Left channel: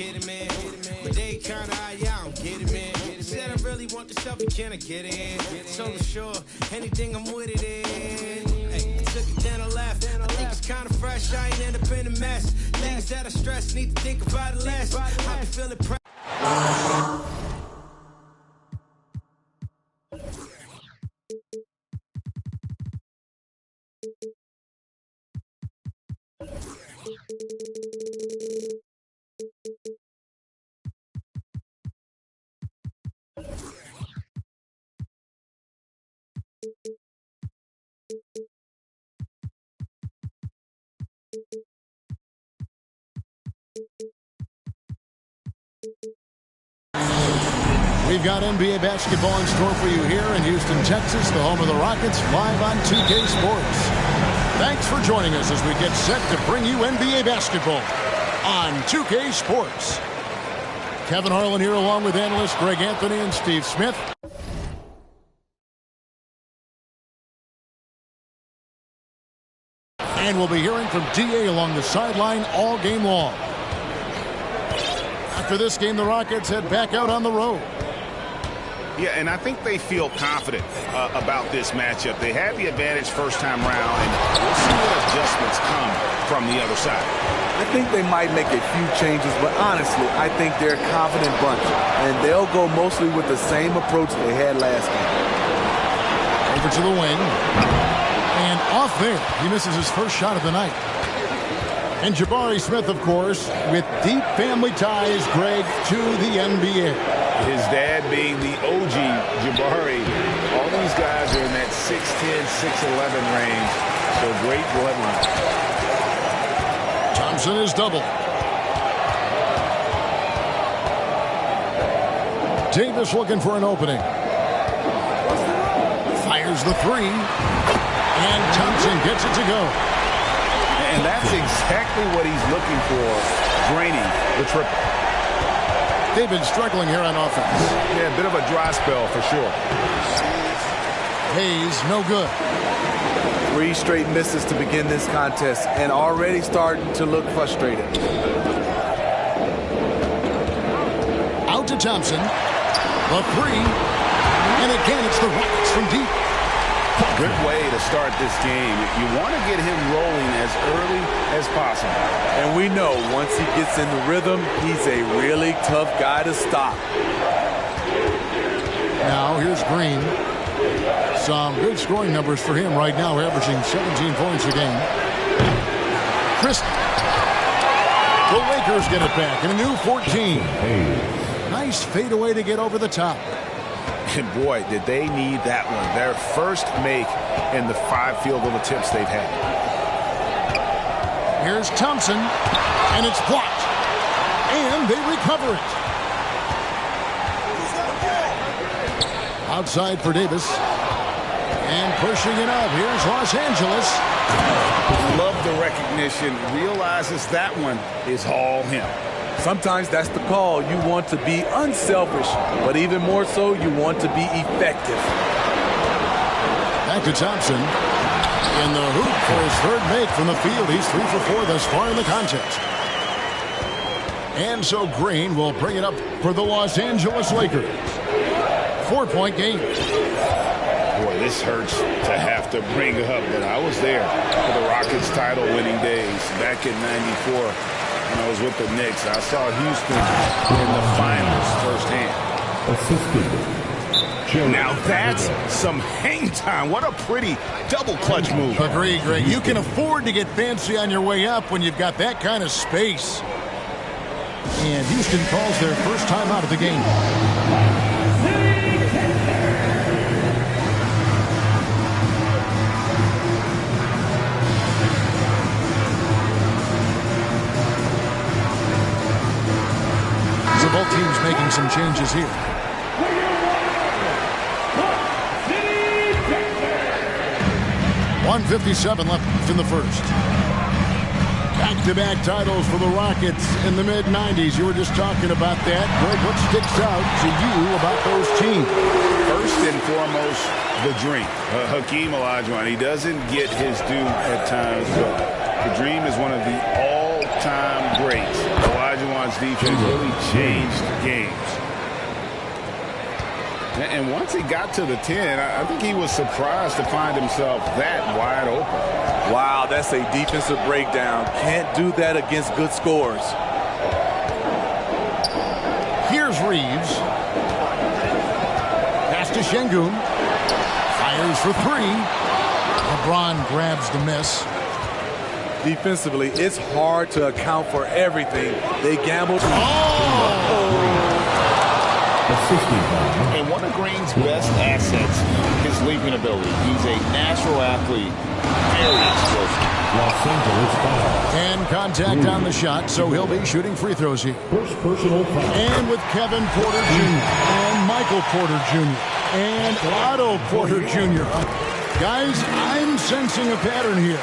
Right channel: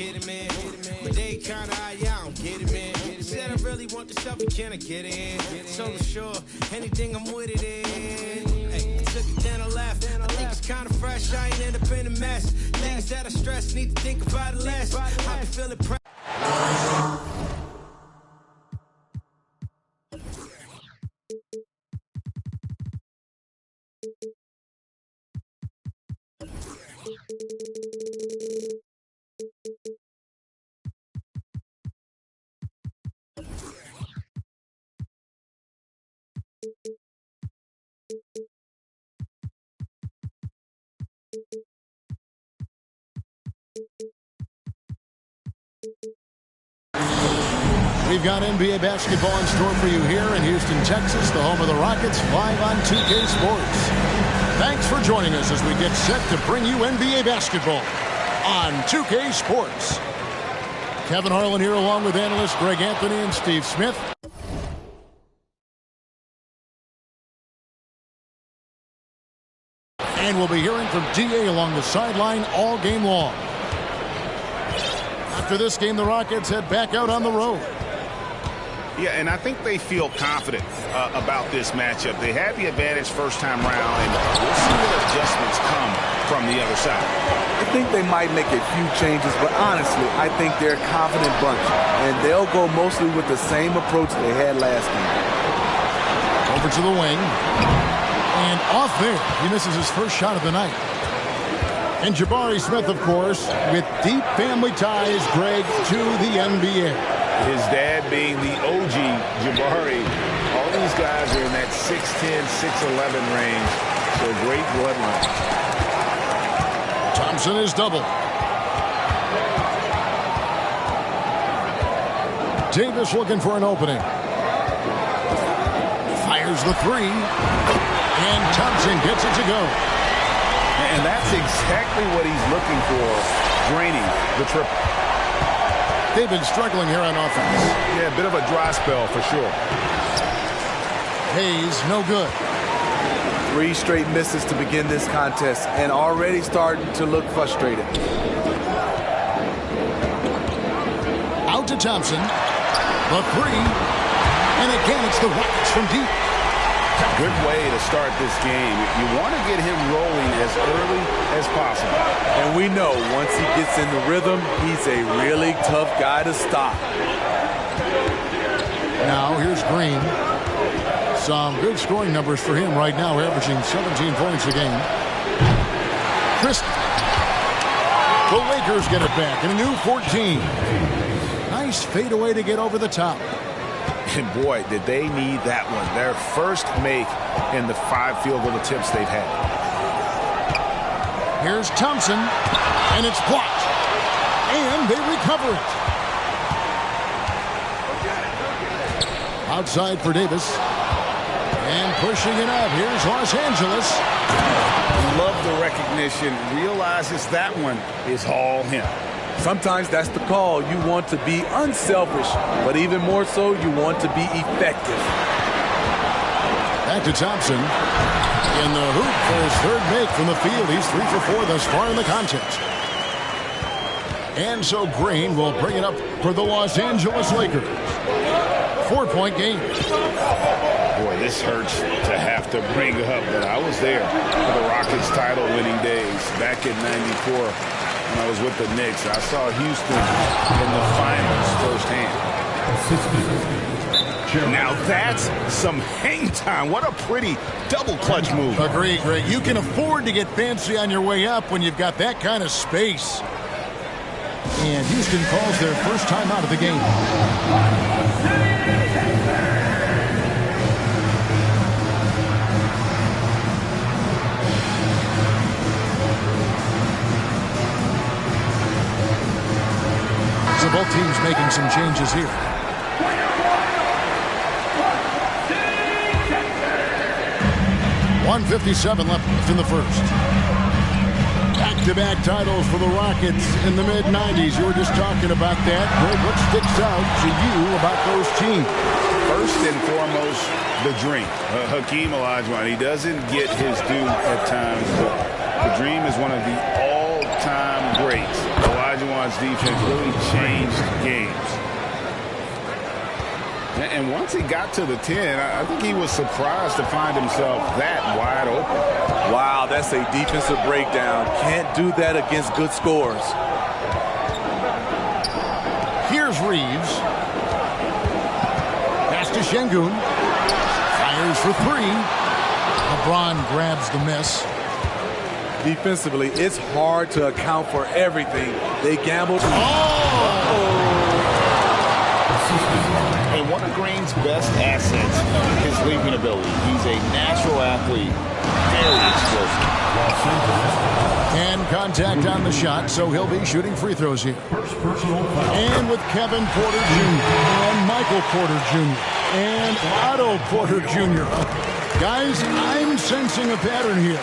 kidding, man? But they kinda, yeah, I don't get it, man. Said I really want the stuff, but can I get it in? So sure, anything I'm with it in. Hey, I took it, then I left. I think it's kinda fresh, I ain't end up in a mess. Things that I stress, need to think about it less. I can feel it. We've got NBA basketball in store for you here in Houston, Texas, the home of the Rockets, live on 2K Sports. Thanks for joining us as we get set to bring you NBA basketball on 2K Sports. Kevin Harlan here along with analysts Greg Anthony and Steve Smith. And we'll be hearing from D.A. along the sideline all game long. After this game, the Rockets head back out on the road. Yeah, and I think they feel confident about this matchup. They had the advantage first time around, and we'll see what adjustments come from the other side. I think they might make a few changes, but honestly, I think they're a confident bunch, and they'll go mostly with the same approach they had last game. Over to the wing. And off there, he misses his first shot of the night. And Jabari Smith, of course, with deep family ties, Greg, to the NBA. His dad being the OG Jabari. All these guys are in that 6'10", 6'11 range. So great bloodline. Thompson is double. Davis looking for an opening. Fires the three. And Thompson gets it to go. And that's exactly what he's looking for, draining the triple. They've been struggling here on offense. Yeah, a bit of a dry spell for sure. Hayes, no good. 3 straight misses to begin this contest and already starting to look frustrated. Out to Thompson. The three. And again, it's the Rockets from deep. Good way to start this game. You want to get him rolling as early as possible. And we know once he gets in the rhythm, he's a really tough guy to stop. Now here's Green. Some good scoring numbers for him right now, averaging 17 points a game. Chris. The Lakers get it back in a new 14. Nice fadeaway to get over the top. And boy, did they need that one. Their first make in the 5 field goal attempts they've had. Here's Thompson, and it's blocked. And they recover it. Outside for Davis. And pushing it up. Here's Los Angeles. Love the recognition. Realizes that one is all him. Sometimes that's the call. You want to be unselfish, but even more so, you want to be effective. Back to Thompson. In the hoop for his third make from the field. He's 3 for 4 thus far in the contest. And so Green will bring it up for the Los Angeles Lakers. 4-point game. Boy, this hurts to have to bring up, but I was there for the Rockets title-winning days back in '94. When I was with the Knicks, I saw Houston in the finals firsthand. Now that's some hang time. What a pretty double clutch move. Agree, Greg. You can afford to get fancy on your way up when you've got that kind of space. And Houston calls their first time out of the game. So both teams making some changes here. .157 left in the first. Back-to-back titles for the Rockets in the mid-'90s. You were just talking about that. Greg, what sticks out to you about those teams? First and foremost, the dream. Hakeem Olajuwon, he doesn't get his due at times, but the dream is one of the all-time greats. Olajuwon Vaughn's defense really changed games. And once he got to the 10, I think he was surprised to find himself that wide open. Wow, that's a defensive breakdown. Can't do that against good scores. Here's Reeves. Pass to Şengün. Fires for three. LeBron grabs the miss. Defensively, it's hard to account for everything. They gambled. And one of Green's best assets, his leaping ability. He's a natural athlete, very explosive. And contact on the shot, so he'll be shooting free throws here. First personal foul. And with Kevin Porter Jr. and Michael Porter Jr. and Otto Porter Jr. Guys, I'm sensing a pattern here.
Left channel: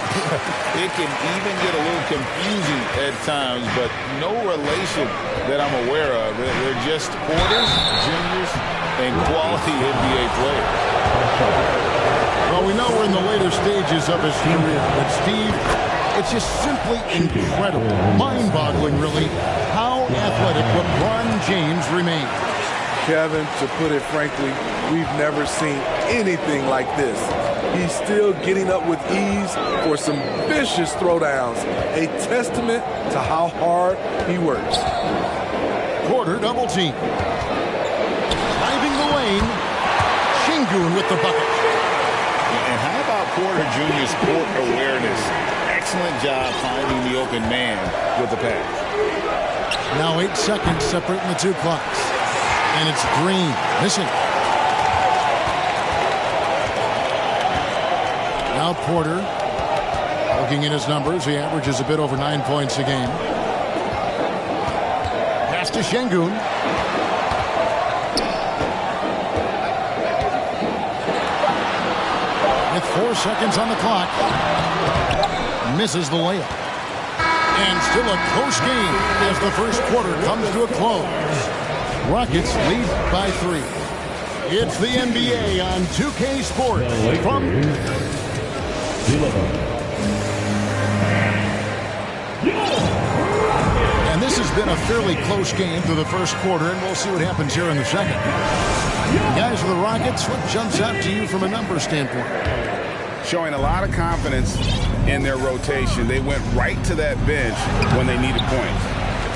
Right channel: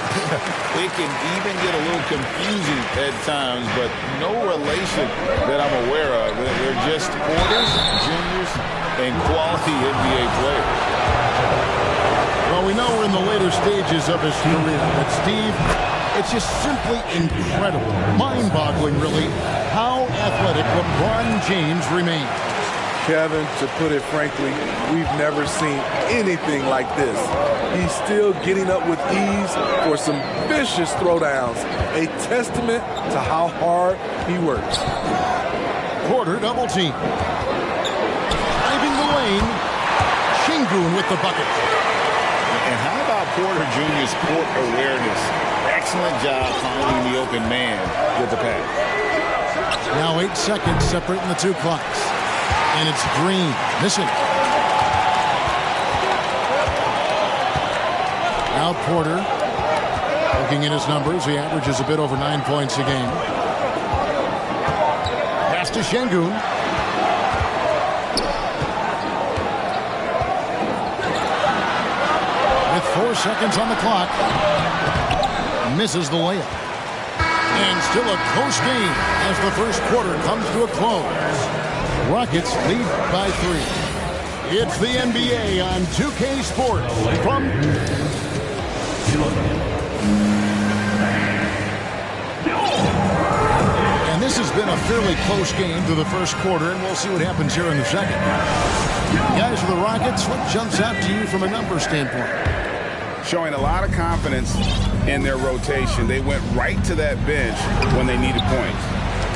It can even get a little confusing at times, but no relation that I'm aware of. They're just Porters, Juniors, and quality NBA players. Well, we know we're in the later stages of his career, but Steve, it's just simply incredible, mind-boggling really, how athletic LeBron James remains. Kevin, to put it frankly, we've never seen anything like this. He's still getting up with ease for some vicious throwdowns, a testament to how hard he works. Porter double team. Driving the lane, Şengün with the bucket. And how about Porter Jr.'s court awareness? Excellent job finding the open man with the pass. Now 8 seconds separating the two clocks. And it's Green missing. Now Porter, looking at his numbers, he averages a bit over 9 points a game. Pass to Şengün. With 4 seconds on the clock, misses the layup. And still a close game as the first quarter comes to a close. Rockets lead by 3. It's the NBA on 2K Sports from... And this has been a fairly close game through the first quarter, and we'll see what happens here in the second. Guys, for the Rockets, what jumps out to you from a numbers standpoint? Showing a lot of confidence in their rotation. They went right to that bench when they needed points.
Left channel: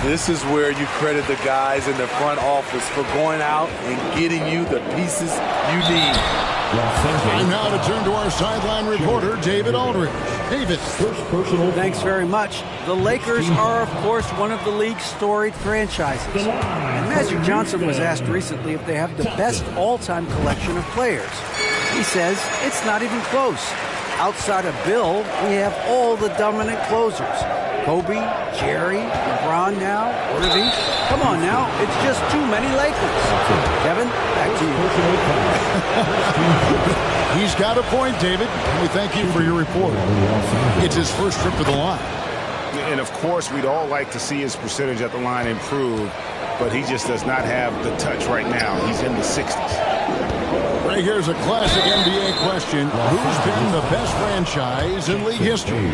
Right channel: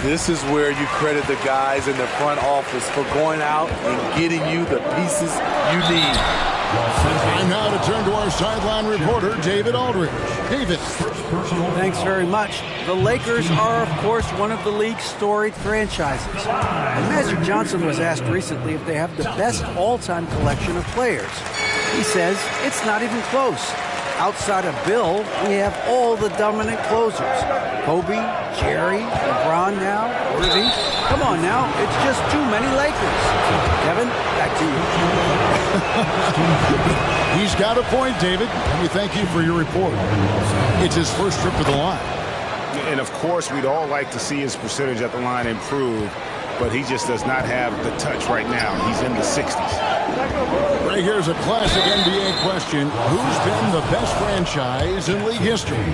This is where you credit the guys in the front office for going out and getting you the pieces you need. Time now to turn to our sideline reporter, David Aldridge. David. Thanks very much. The Lakers are, of course, one of the league's storied franchises. And Magic Johnson was asked recently if they have the best all-time collection of players. He says it's not even close. Outside of Bill, we have all the dominant closers. Kobe, Jerry, LeBron now, Irving. Come on now, it's just too many Lakers. Kevin, back to you. He's got a point, David, and we thank you for your report. It's his first trip to the line. And of course, we'd all like to see his percentage at the line improve, but he just does not have the touch right now. He's in the 60s. Right, here's a classic NBA question. Who's been the best franchise in league history?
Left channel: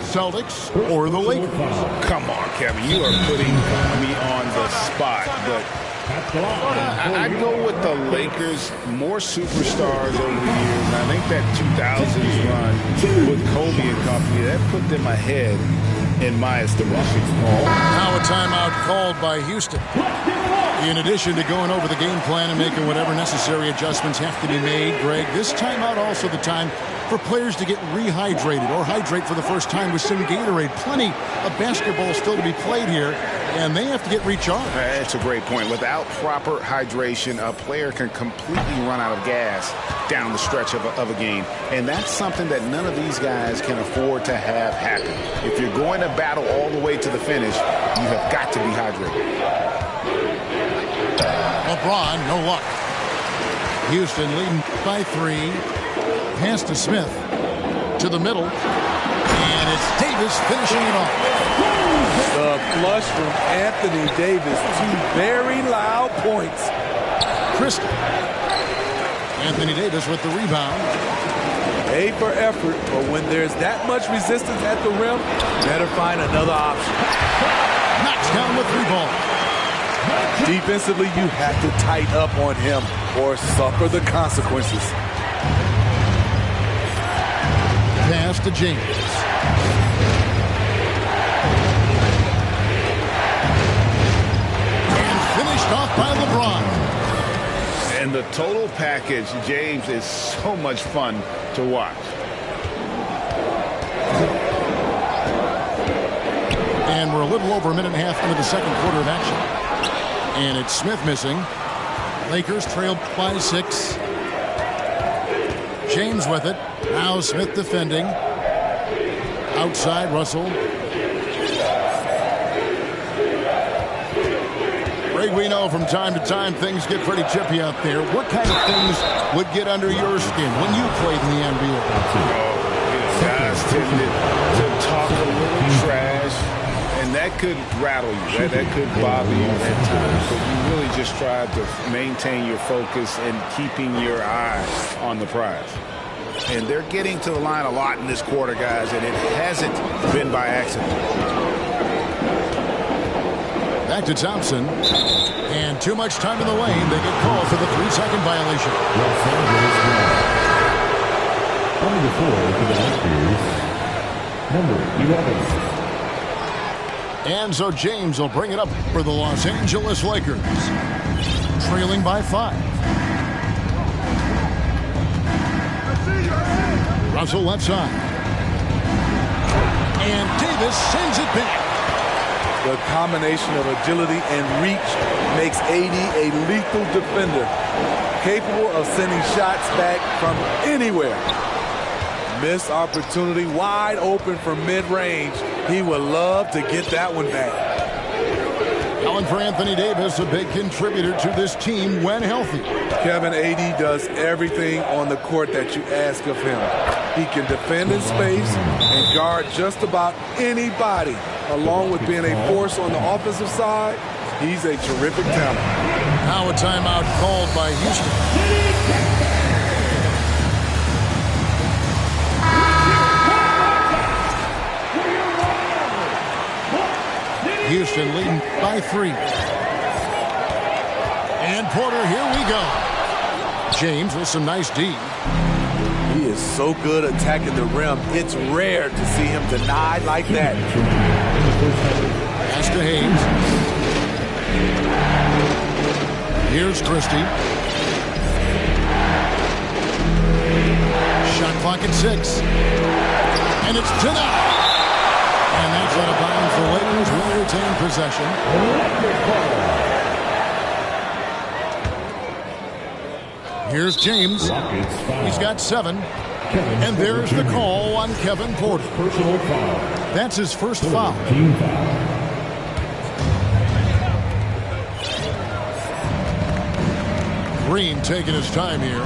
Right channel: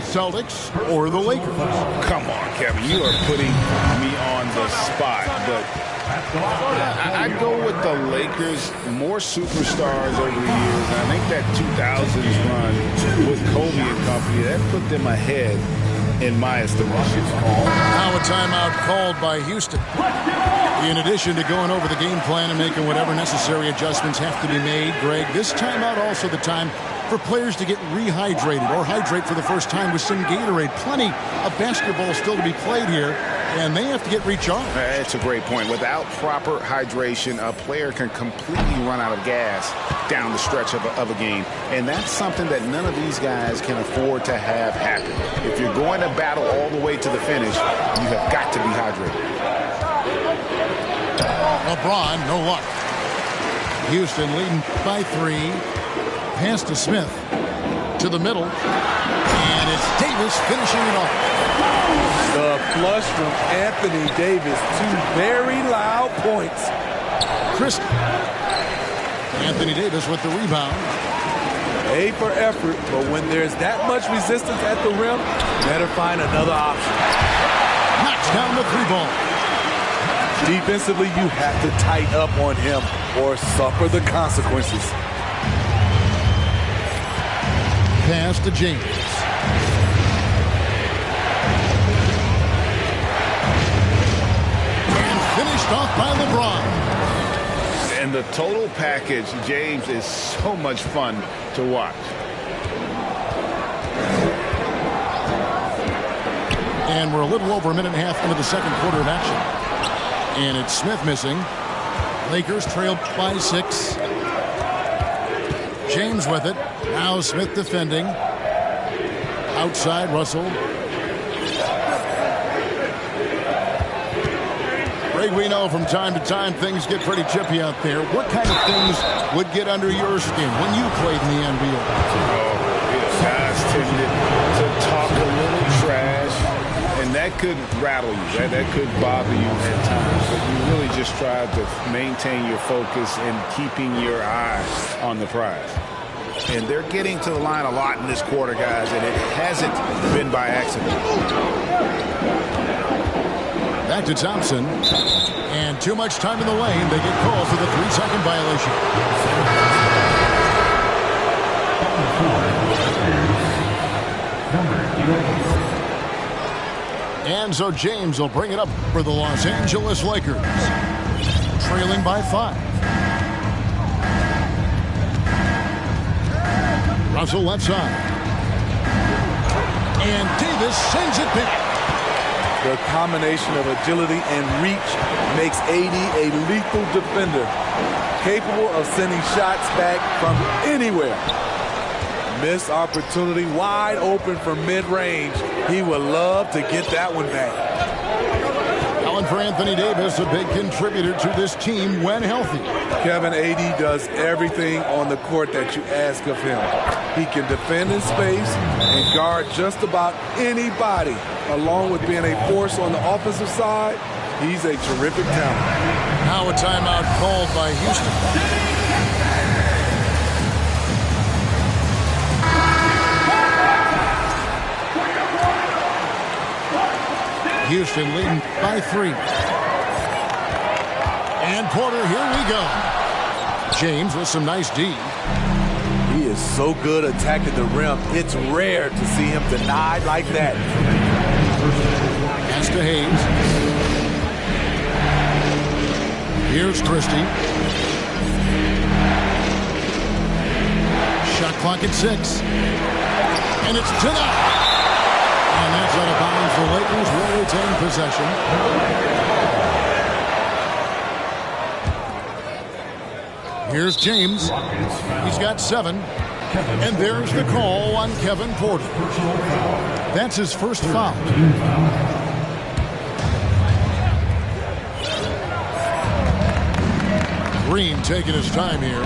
Celtics or the Lakers? Come on, Kevin. You are putting me on the spot, but I'd go with the Lakers. More superstars over the years, and I think that 2000s run with Kobe and company, that put them ahead in my estimation. Now a timeout called by Houston. In addition to going over the game plan and making whatever necessary adjustments have to be made, Greg, this timeout also the time for players to get rehydrated or hydrate for the first time with some Gatorade. Plenty of basketball still to be played here, and they have to get recharged. That's a great point. Without proper hydration, a player can completely run out of gas down the stretch of a game, and that's something that none of these guys can afford to have happen. If you're going to battle all the way to the finish, you have got to be hydrated. LeBron, no luck. Houston leading by 3. Pass to Smith. To the middle. And it's Davis finishing it off. The flush from Anthony Davis. 2 very loud points. Christie. Anthony Davis with the rebound. A for effort, but when there's that much resistance at the rim, better find another option. knocks down the 3-ball. Defensively, you have to tighten up on him or suffer the consequences. Pass to James. And finished off by LeBron. And the total package, James, is so much fun to watch. And we're a little over a minute and a half into the second quarter of action. And it's Smith missing. Lakers trail by 6. James with it. Now Smith defending. Outside, Russell. Greg, we know from time to time things get pretty chippy out there. What kind of things would get under your skin when you played in the NBA? Guys tended to talk a little trash, and that could rattle you. That could bother you at times. But you really just try to maintain your focus and keeping your eye on the prize. And they're getting to the line a lot in this quarter, guys, and it hasn't been by accident. Back to Thompson. And too much time in the lane. They get called for the 3-second violation. On the floor for the Lakers, number 11. And so James will bring it up for the Los Angeles Lakers. Trailing by 5. Russell left side. And Davis sends it back. The combination of agility and reach makes AD a lethal defender, capable of sending shots back from anywhere. Missed opportunity, wide open from mid-range. He would love to get that one back. Allen for Anthony Davis, a big contributor to this team when healthy. Kevin, AD does everything on the court that you ask of him. He can defend in space and guard just about anybody. Along with being a force on the offensive side, he's a terrific talent. Now a timeout called by Houston. Houston leading by 3. And Porter, here we go. James with some nice D. He is so good attacking the rim. It's rare to see him denied like that. Pass to Hayes. Here's Christie. Shot clock at 6. And it's denied. And that's out of bounds. The Lakers will retain possession. Here's James. He's got 7. And there's the call on Kevin Porter. That's his first foul. Green taking his time here.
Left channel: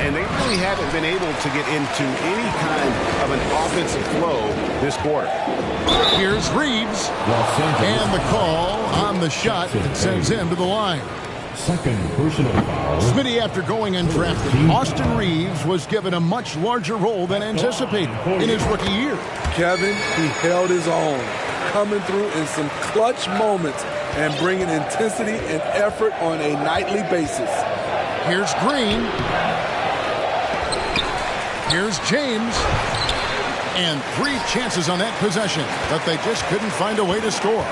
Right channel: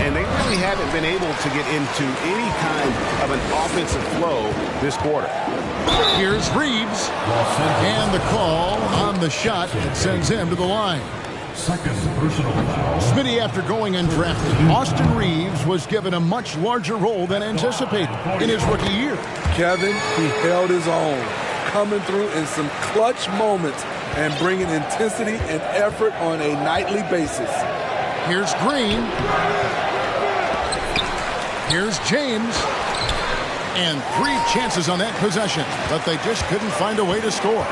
And they really haven't been able to get into any kind of an offensive flow this quarter. Here's Reeves. And the call on the shot that sends him to the line. Second personal foul. Smitty, after going undrafted, Austin Reeves was given a much larger role than anticipated in his rookie year. Kevin, he held his own, coming through in some clutch moments and bringing intensity and effort on a nightly basis. Here's Green. Here's James. And 3 chances on that possession, but they just couldn't find a way to score.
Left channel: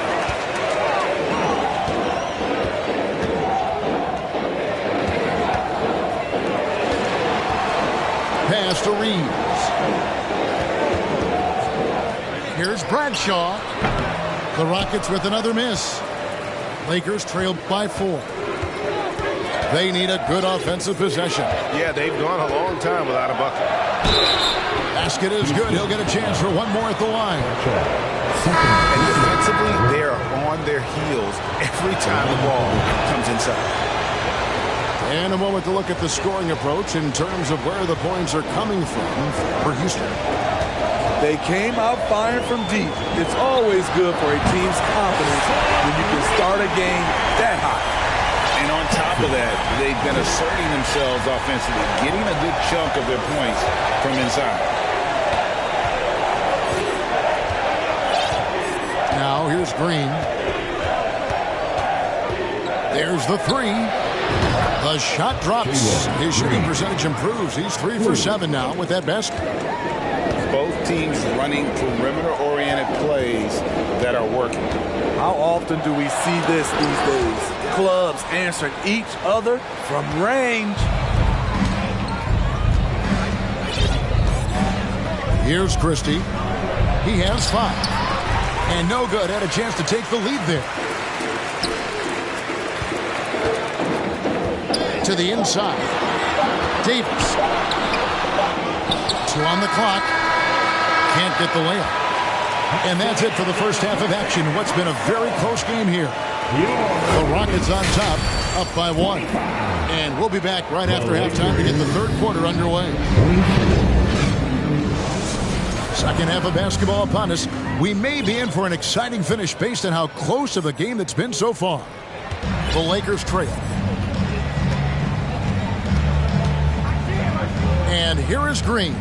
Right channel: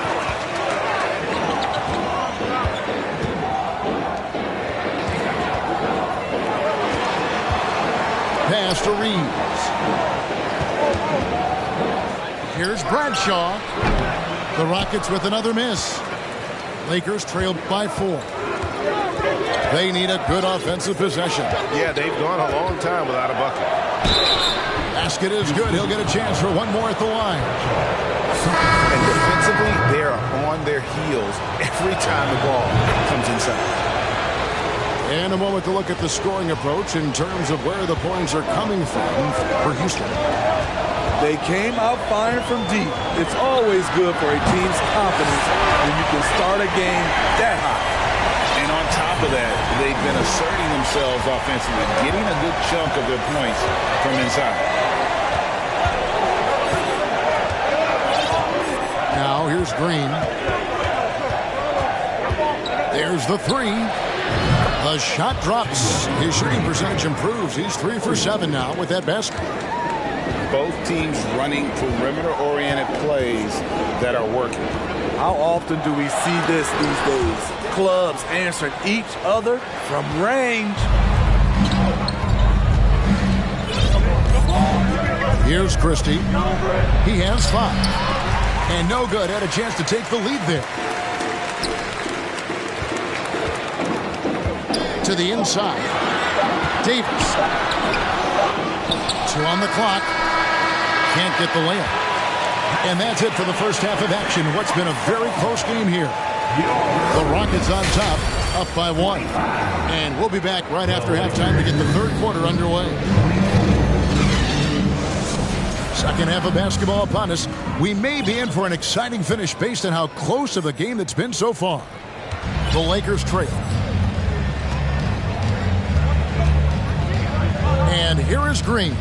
Pass to Reeves. Here's Bradshaw. The Rockets with another miss. Lakers trailed by 4. They need a good offensive possession. Yeah, they've gone a long time without a bucket. Basket is good. He'll get a chance for one more at the line. And defensively, they are on their heels every time the ball comes inside. And a moment to look at the scoring approach in terms of where the points are coming from for Houston. They came out firing from deep. It's always good for a team's confidence when you can start a game that hot. And on top of that, they've been asserting themselves offensively, getting a good chunk of their points from inside. go. Here's Green. There's the three. The shot drops. His shooting percentage improves. He's 3 for 7 now with that basket. Both teams running perimeter-oriented plays that are working. How often do we see this these days? Clubs answering each other from range. Here's Christie. He has 5. And no good. Had a chance to take the lead there. To the inside. Davis. 2 on the clock. Can't get the layup. And that's it for the first half of action. What's been a very close game here. The Rockets on top, up by 1. And we'll be back right after halftime to get the third quarter underway. Second half of basketball upon us. We may be in for an exciting finish based on how close of a game that's been so far. The Lakers trail. And here is Green.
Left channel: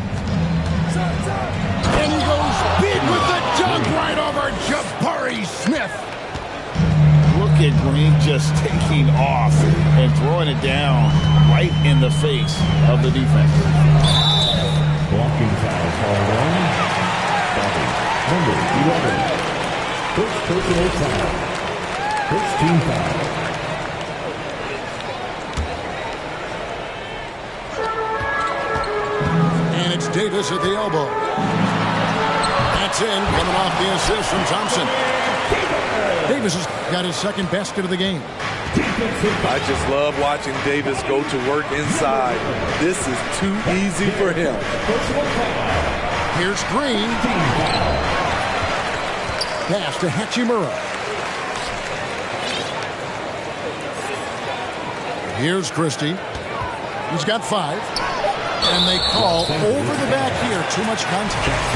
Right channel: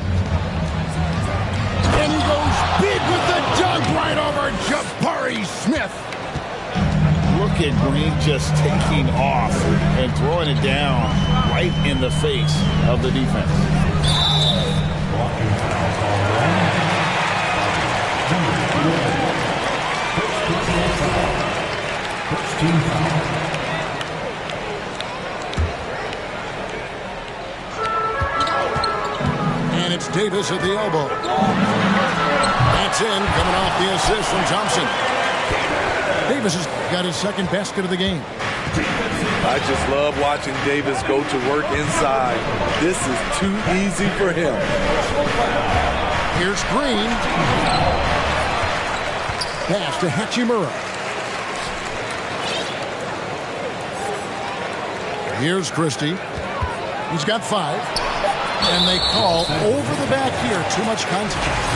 And he goes big with the dunk right over Jabari Smith. Look at Green just taking off and throwing it down right in the face of the defense. Blocking foul called on Bobby, number 11. First personal foul. First team foul. And it's Davis at the elbow. That's in, coming off the assist from Thompson. Davis has got his second basket of the game. I just love watching Davis go to work inside. This is too easy for him. Here's Green. Pass to Hachimura. Here's Christie. He's got 5. And they call over the back here. Too much contact.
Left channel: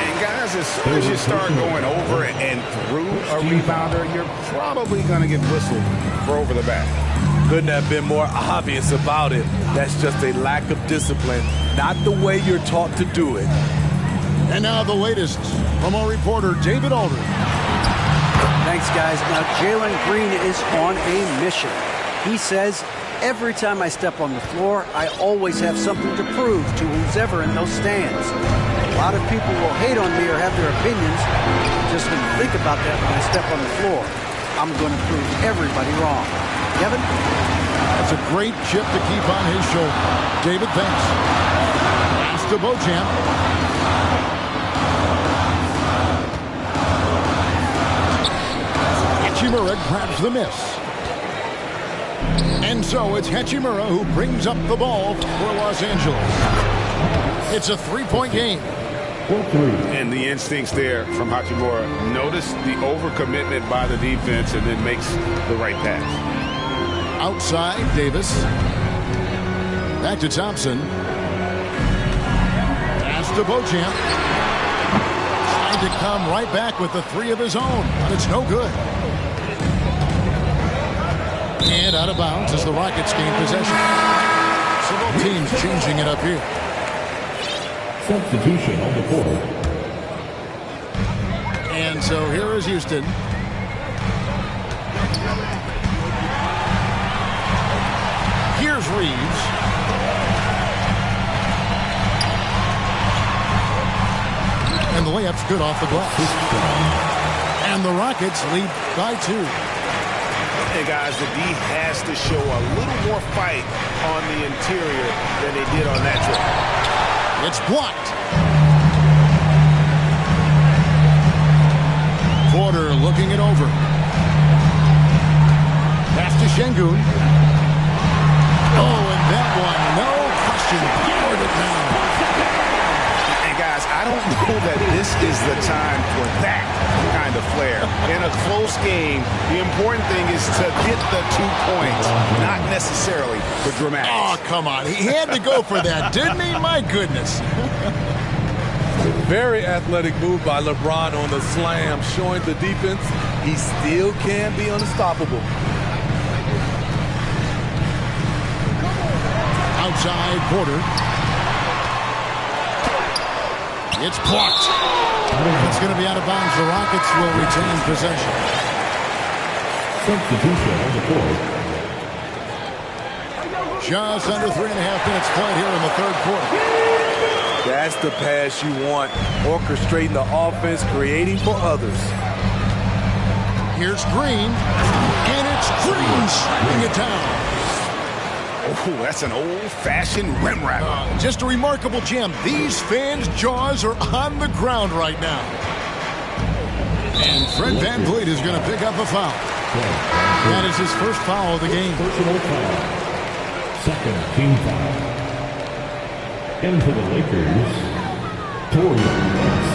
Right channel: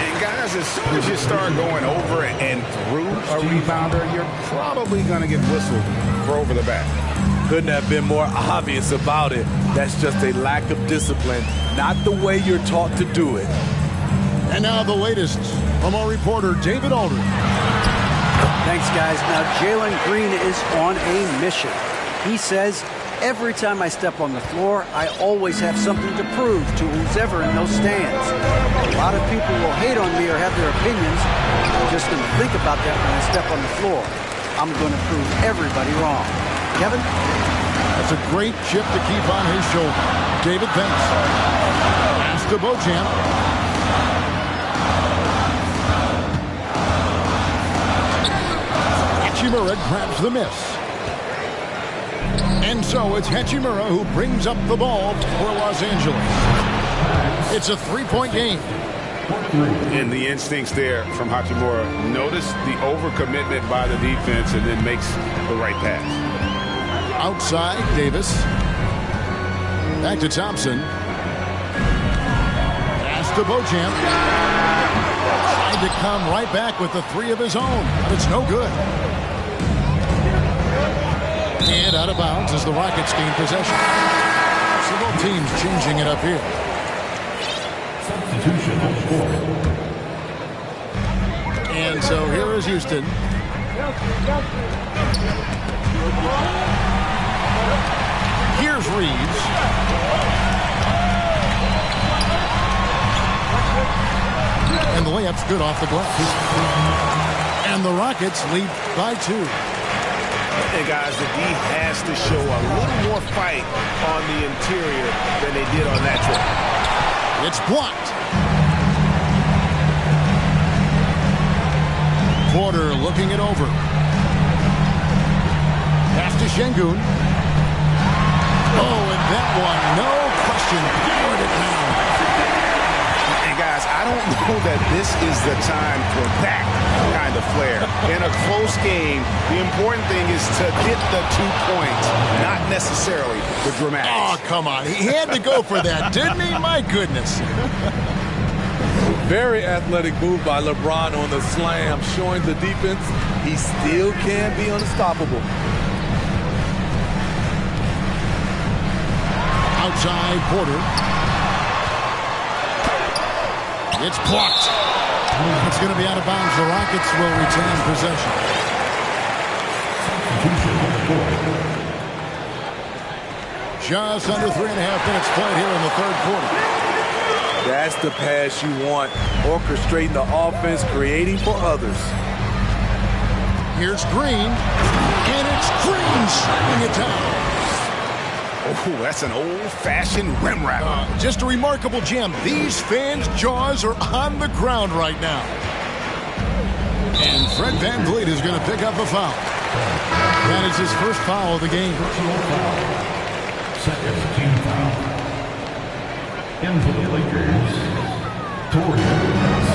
And guys, as soon as you start going over and through a rebounder, you're probably going to get whistled for over the back. Couldn't have been more obvious about it. That's just a lack of discipline, not the way you're taught to do it. And now the latest from our reporter, David Aldridge. Thanks, guys. Now, Jalen Green is on a mission. He says, every time I step on the floor, I always have something to prove to who's ever in those stands. A lot of people will hate on me or have their opinions. I'm just going to think about that when I step on the floor. I'm going to prove everybody wrong. Kevin? That's a great chip to keep on his shoulder. David, thanks. Pass to Beauchamp. Hachimura grabs the miss. And so it's Hachimura who brings up the ball for Los Angeles. It's a 3-point game. And the instincts there from Hachimura. Notice the overcommitment by the defense and then makes the right pass. Outside, Davis. Back to Thompson. Pass to Beauchamp. Trying to come right back with the 3 of his own, but it's no good. And out of bounds as the Rockets gain possession. So both teams changing it up here. Substitution on the court. And so here is Houston. Here's Reeves. And the layup's good off the glass. And the Rockets lead by 2. And guys, the D has to show a little more fight on the interior than they did on that trip. It's blocked. Porter looking it over. Pass to Şengün. Oh, and that one, no question, powered it down. And guys, I don't know that this is the time for that kind of flair. In a close game, the important thing is to get the 2 points, not necessarily the dramatics. Oh, come on. He had to go for that, didn't he? My goodness. Very athletic move by LeBron on the slam, showing the defense he still can be unstoppable. Outside, Porter. It's blocked. It's going to be out of bounds. The Rockets will retain possession. Substitution on the court. Just under 3.5 minutes played here in the third quarter. That's the pass you want. Orchestrating the offense, creating for others. Here's Green, and it's Green slamming it down. Oh, that's an old-fashioned rim wrapper. Just a remarkable gem. These fans' jaws are on the ground right now. And Fred VanVleet is going to pick up a foul. That is his first foul of the game. Personal foul. Second team foul. In for the Lakers, Torian Prince.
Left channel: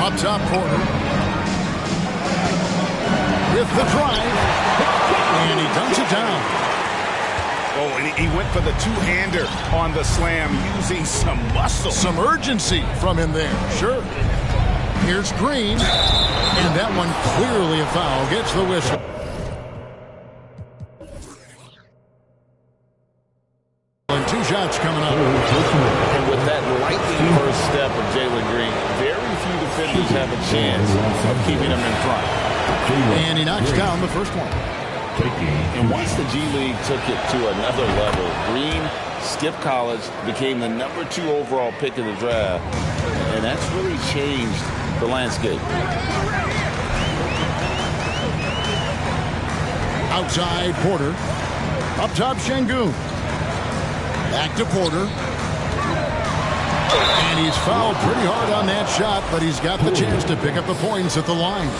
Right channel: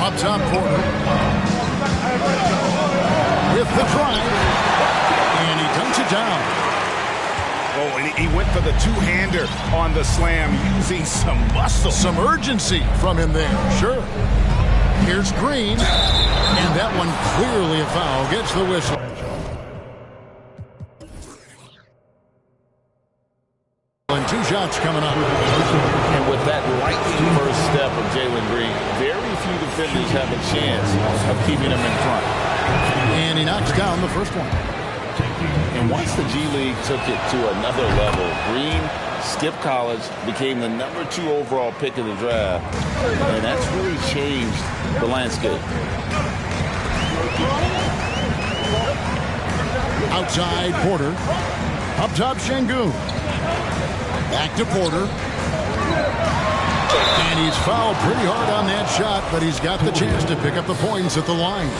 Up top corner. With the drive. And he dunks it down. Oh, and he went for the two-hander on the slam, using some muscle. Some urgency from him there, sure. Here's Green. And that one clearly a foul. Gets the whistle. And 2 shots coming up. And with that lightning first step of Jalen Green, very few defenders have a chance of keeping him in front. And he knocks down the first one. And once the G League took it to another level, Green skipped college, became the #2 overall pick in the draft, and that's really changed the landscape. Outside Porter. Up top Şengün. Back to Porter. And he's fouled pretty hard on that shot, but he's got the chance to pick up the points at the line.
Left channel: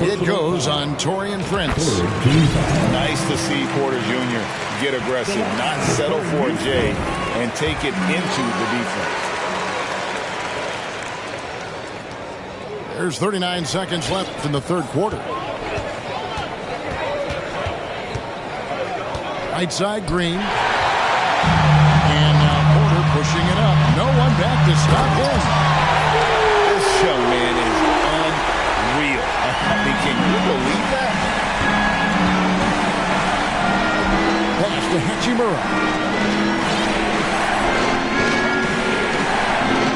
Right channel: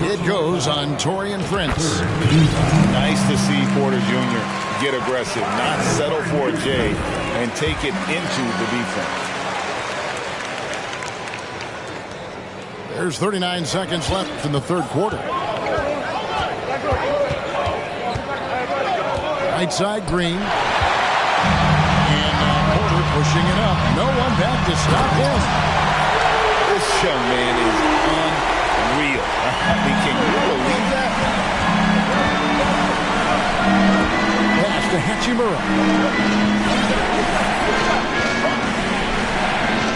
It goes on Torian Prince. Nice to see Porter Jr. get aggressive, not settle for a J, and take it into the defense. There's 39 seconds left in the third quarter. Right side Green. And Porter pushing it up. No one back to stop him. This young man is unreal. I mean, can you believe that? Pass to Hachimura.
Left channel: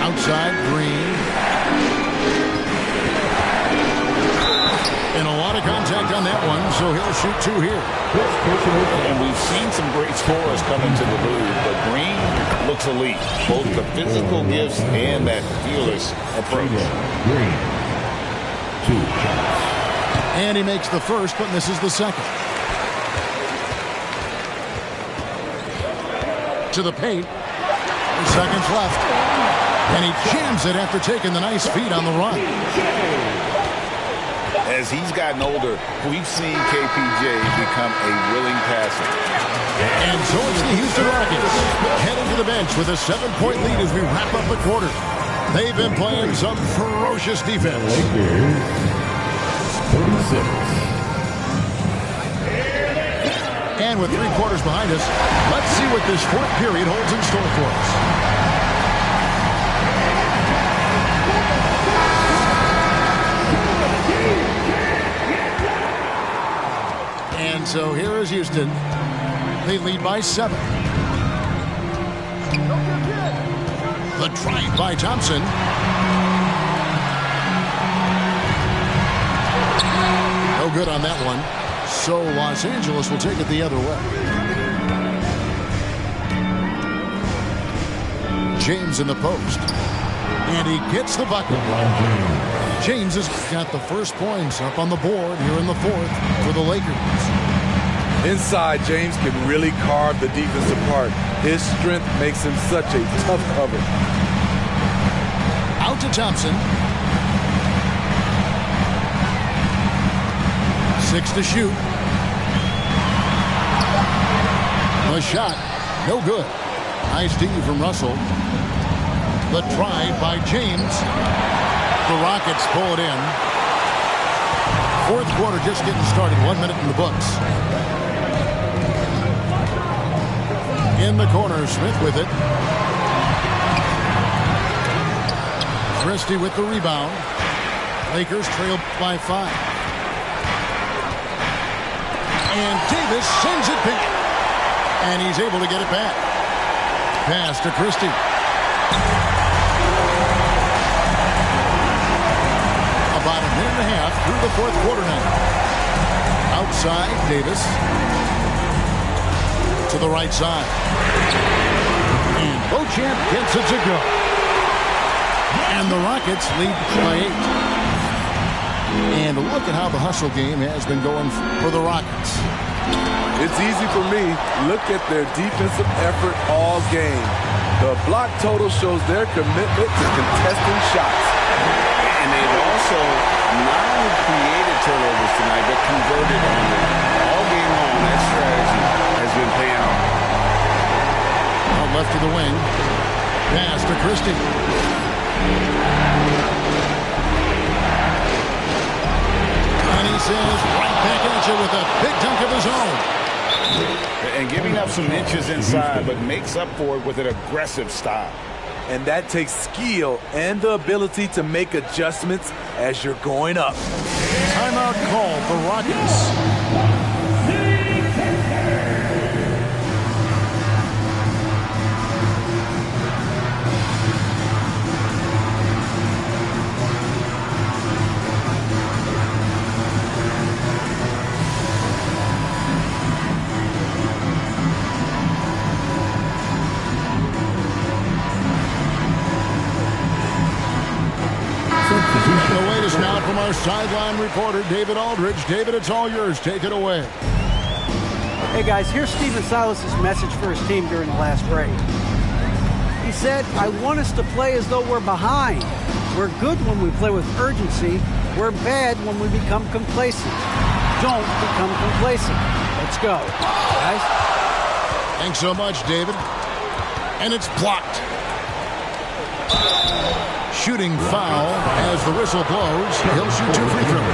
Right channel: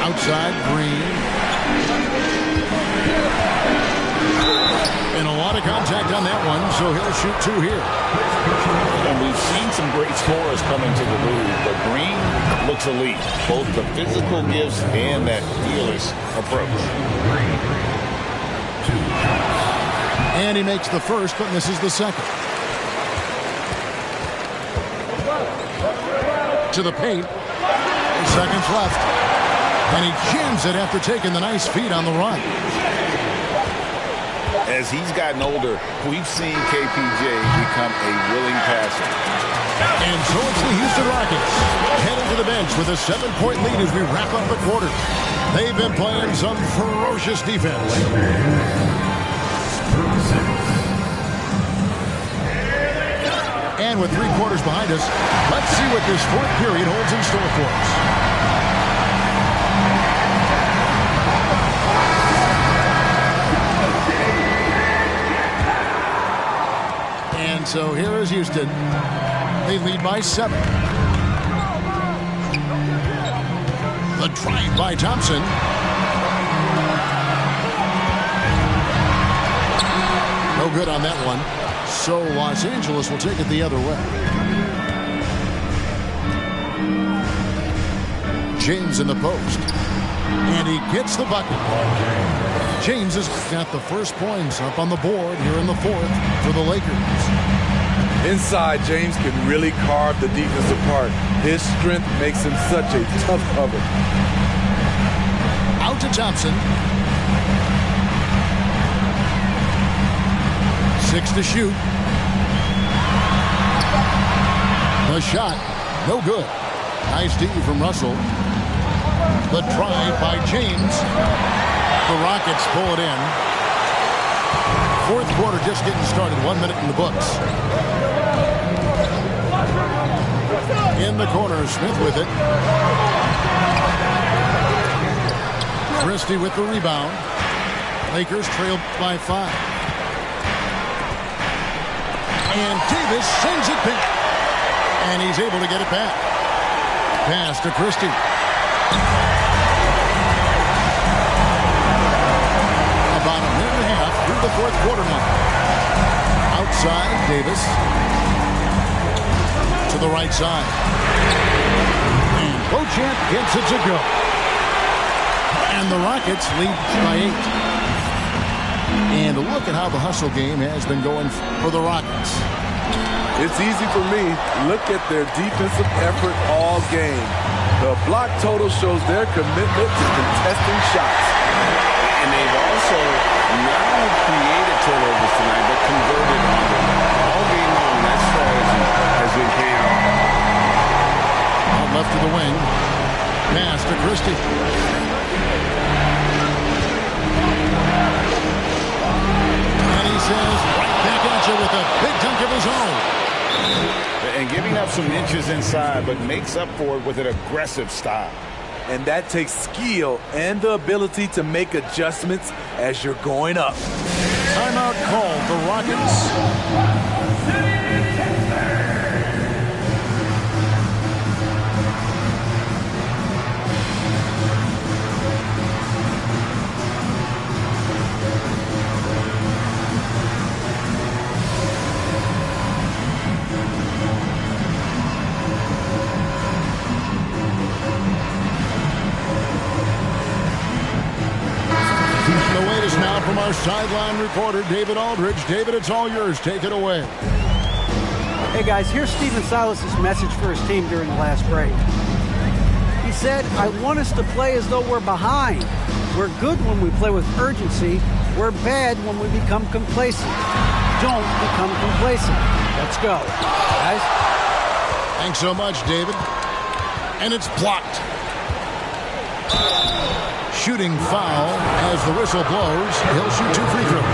Outside Green. And a lot of contact on that one, so he'll shoot 2 here. And we've seen some great scorers come into the league, but Green looks elite. Both the physical gifts and that fearless approach. Green. 2 shots. And he makes the first, but misses the second. To the paint. 4 seconds left. And he jams it after taking the nice feed on the run. As he's gotten older, we've seen KPJ become a willing passer. And so it's the Houston Rockets heading to the bench with a 7-point lead as we wrap up the quarter. They've been playing some ferocious defense. Lakers, 36. And with 3 quarters behind us, let's see what this fourth period holds in store for us. And so here is Houston. They lead by 7. The drive by Thompson. No good on that one. So Los Angeles will take it the other way. James in the post. And he gets the bucket. James has got the first points up on the board here in the fourth for the Lakers. Inside, James can really carve the defense apart. His strength makes him such a tough cover. Out to Thompson. 6 to shoot. The shot, no good. Nice D from Russell. The drive by James. The Rockets pull it in. Fourth quarter just getting started. 1 minute in the books. In the corner, Smith with it. Christie with the rebound. Lakers trail by 5. And Davis sends it back. And he's able to get it back. Pass to Christie. About a minute and a half through the fourth quarter now. Outside, Davis. To the right side. And Beauchamp gets it to go. And the Rockets lead by 8. And look at how the hustle game has been going for the Rockets. It's easy for me. Look at their defensive effort all game. The block total shows their commitment to contesting shots. And they've also not only created turnovers tonight, but converted on them. All game long, that strategy has been paying off. Out left to the wing. Pass to Christie. And he says right back at you with a big dunk of his own. And giving up some inches inside, but makes up for it with an aggressive style. And that takes skill and the ability to make adjustments as you're going up. Timeout called the Rockets. The latest now from our sideline reporter, David Aldridge. David, it's all yours. Take it away. Hey, guys, here's Stephen Silas's message for his team during the last break. He said, I want us to play as though we're behind. We're good when we play with urgency. We're bad when we become complacent. Don't become complacent. Let's go. Guys? Thanks so much, David. And it's blocked. Shooting foul as the whistle blows. He'll shoot 2 free throws.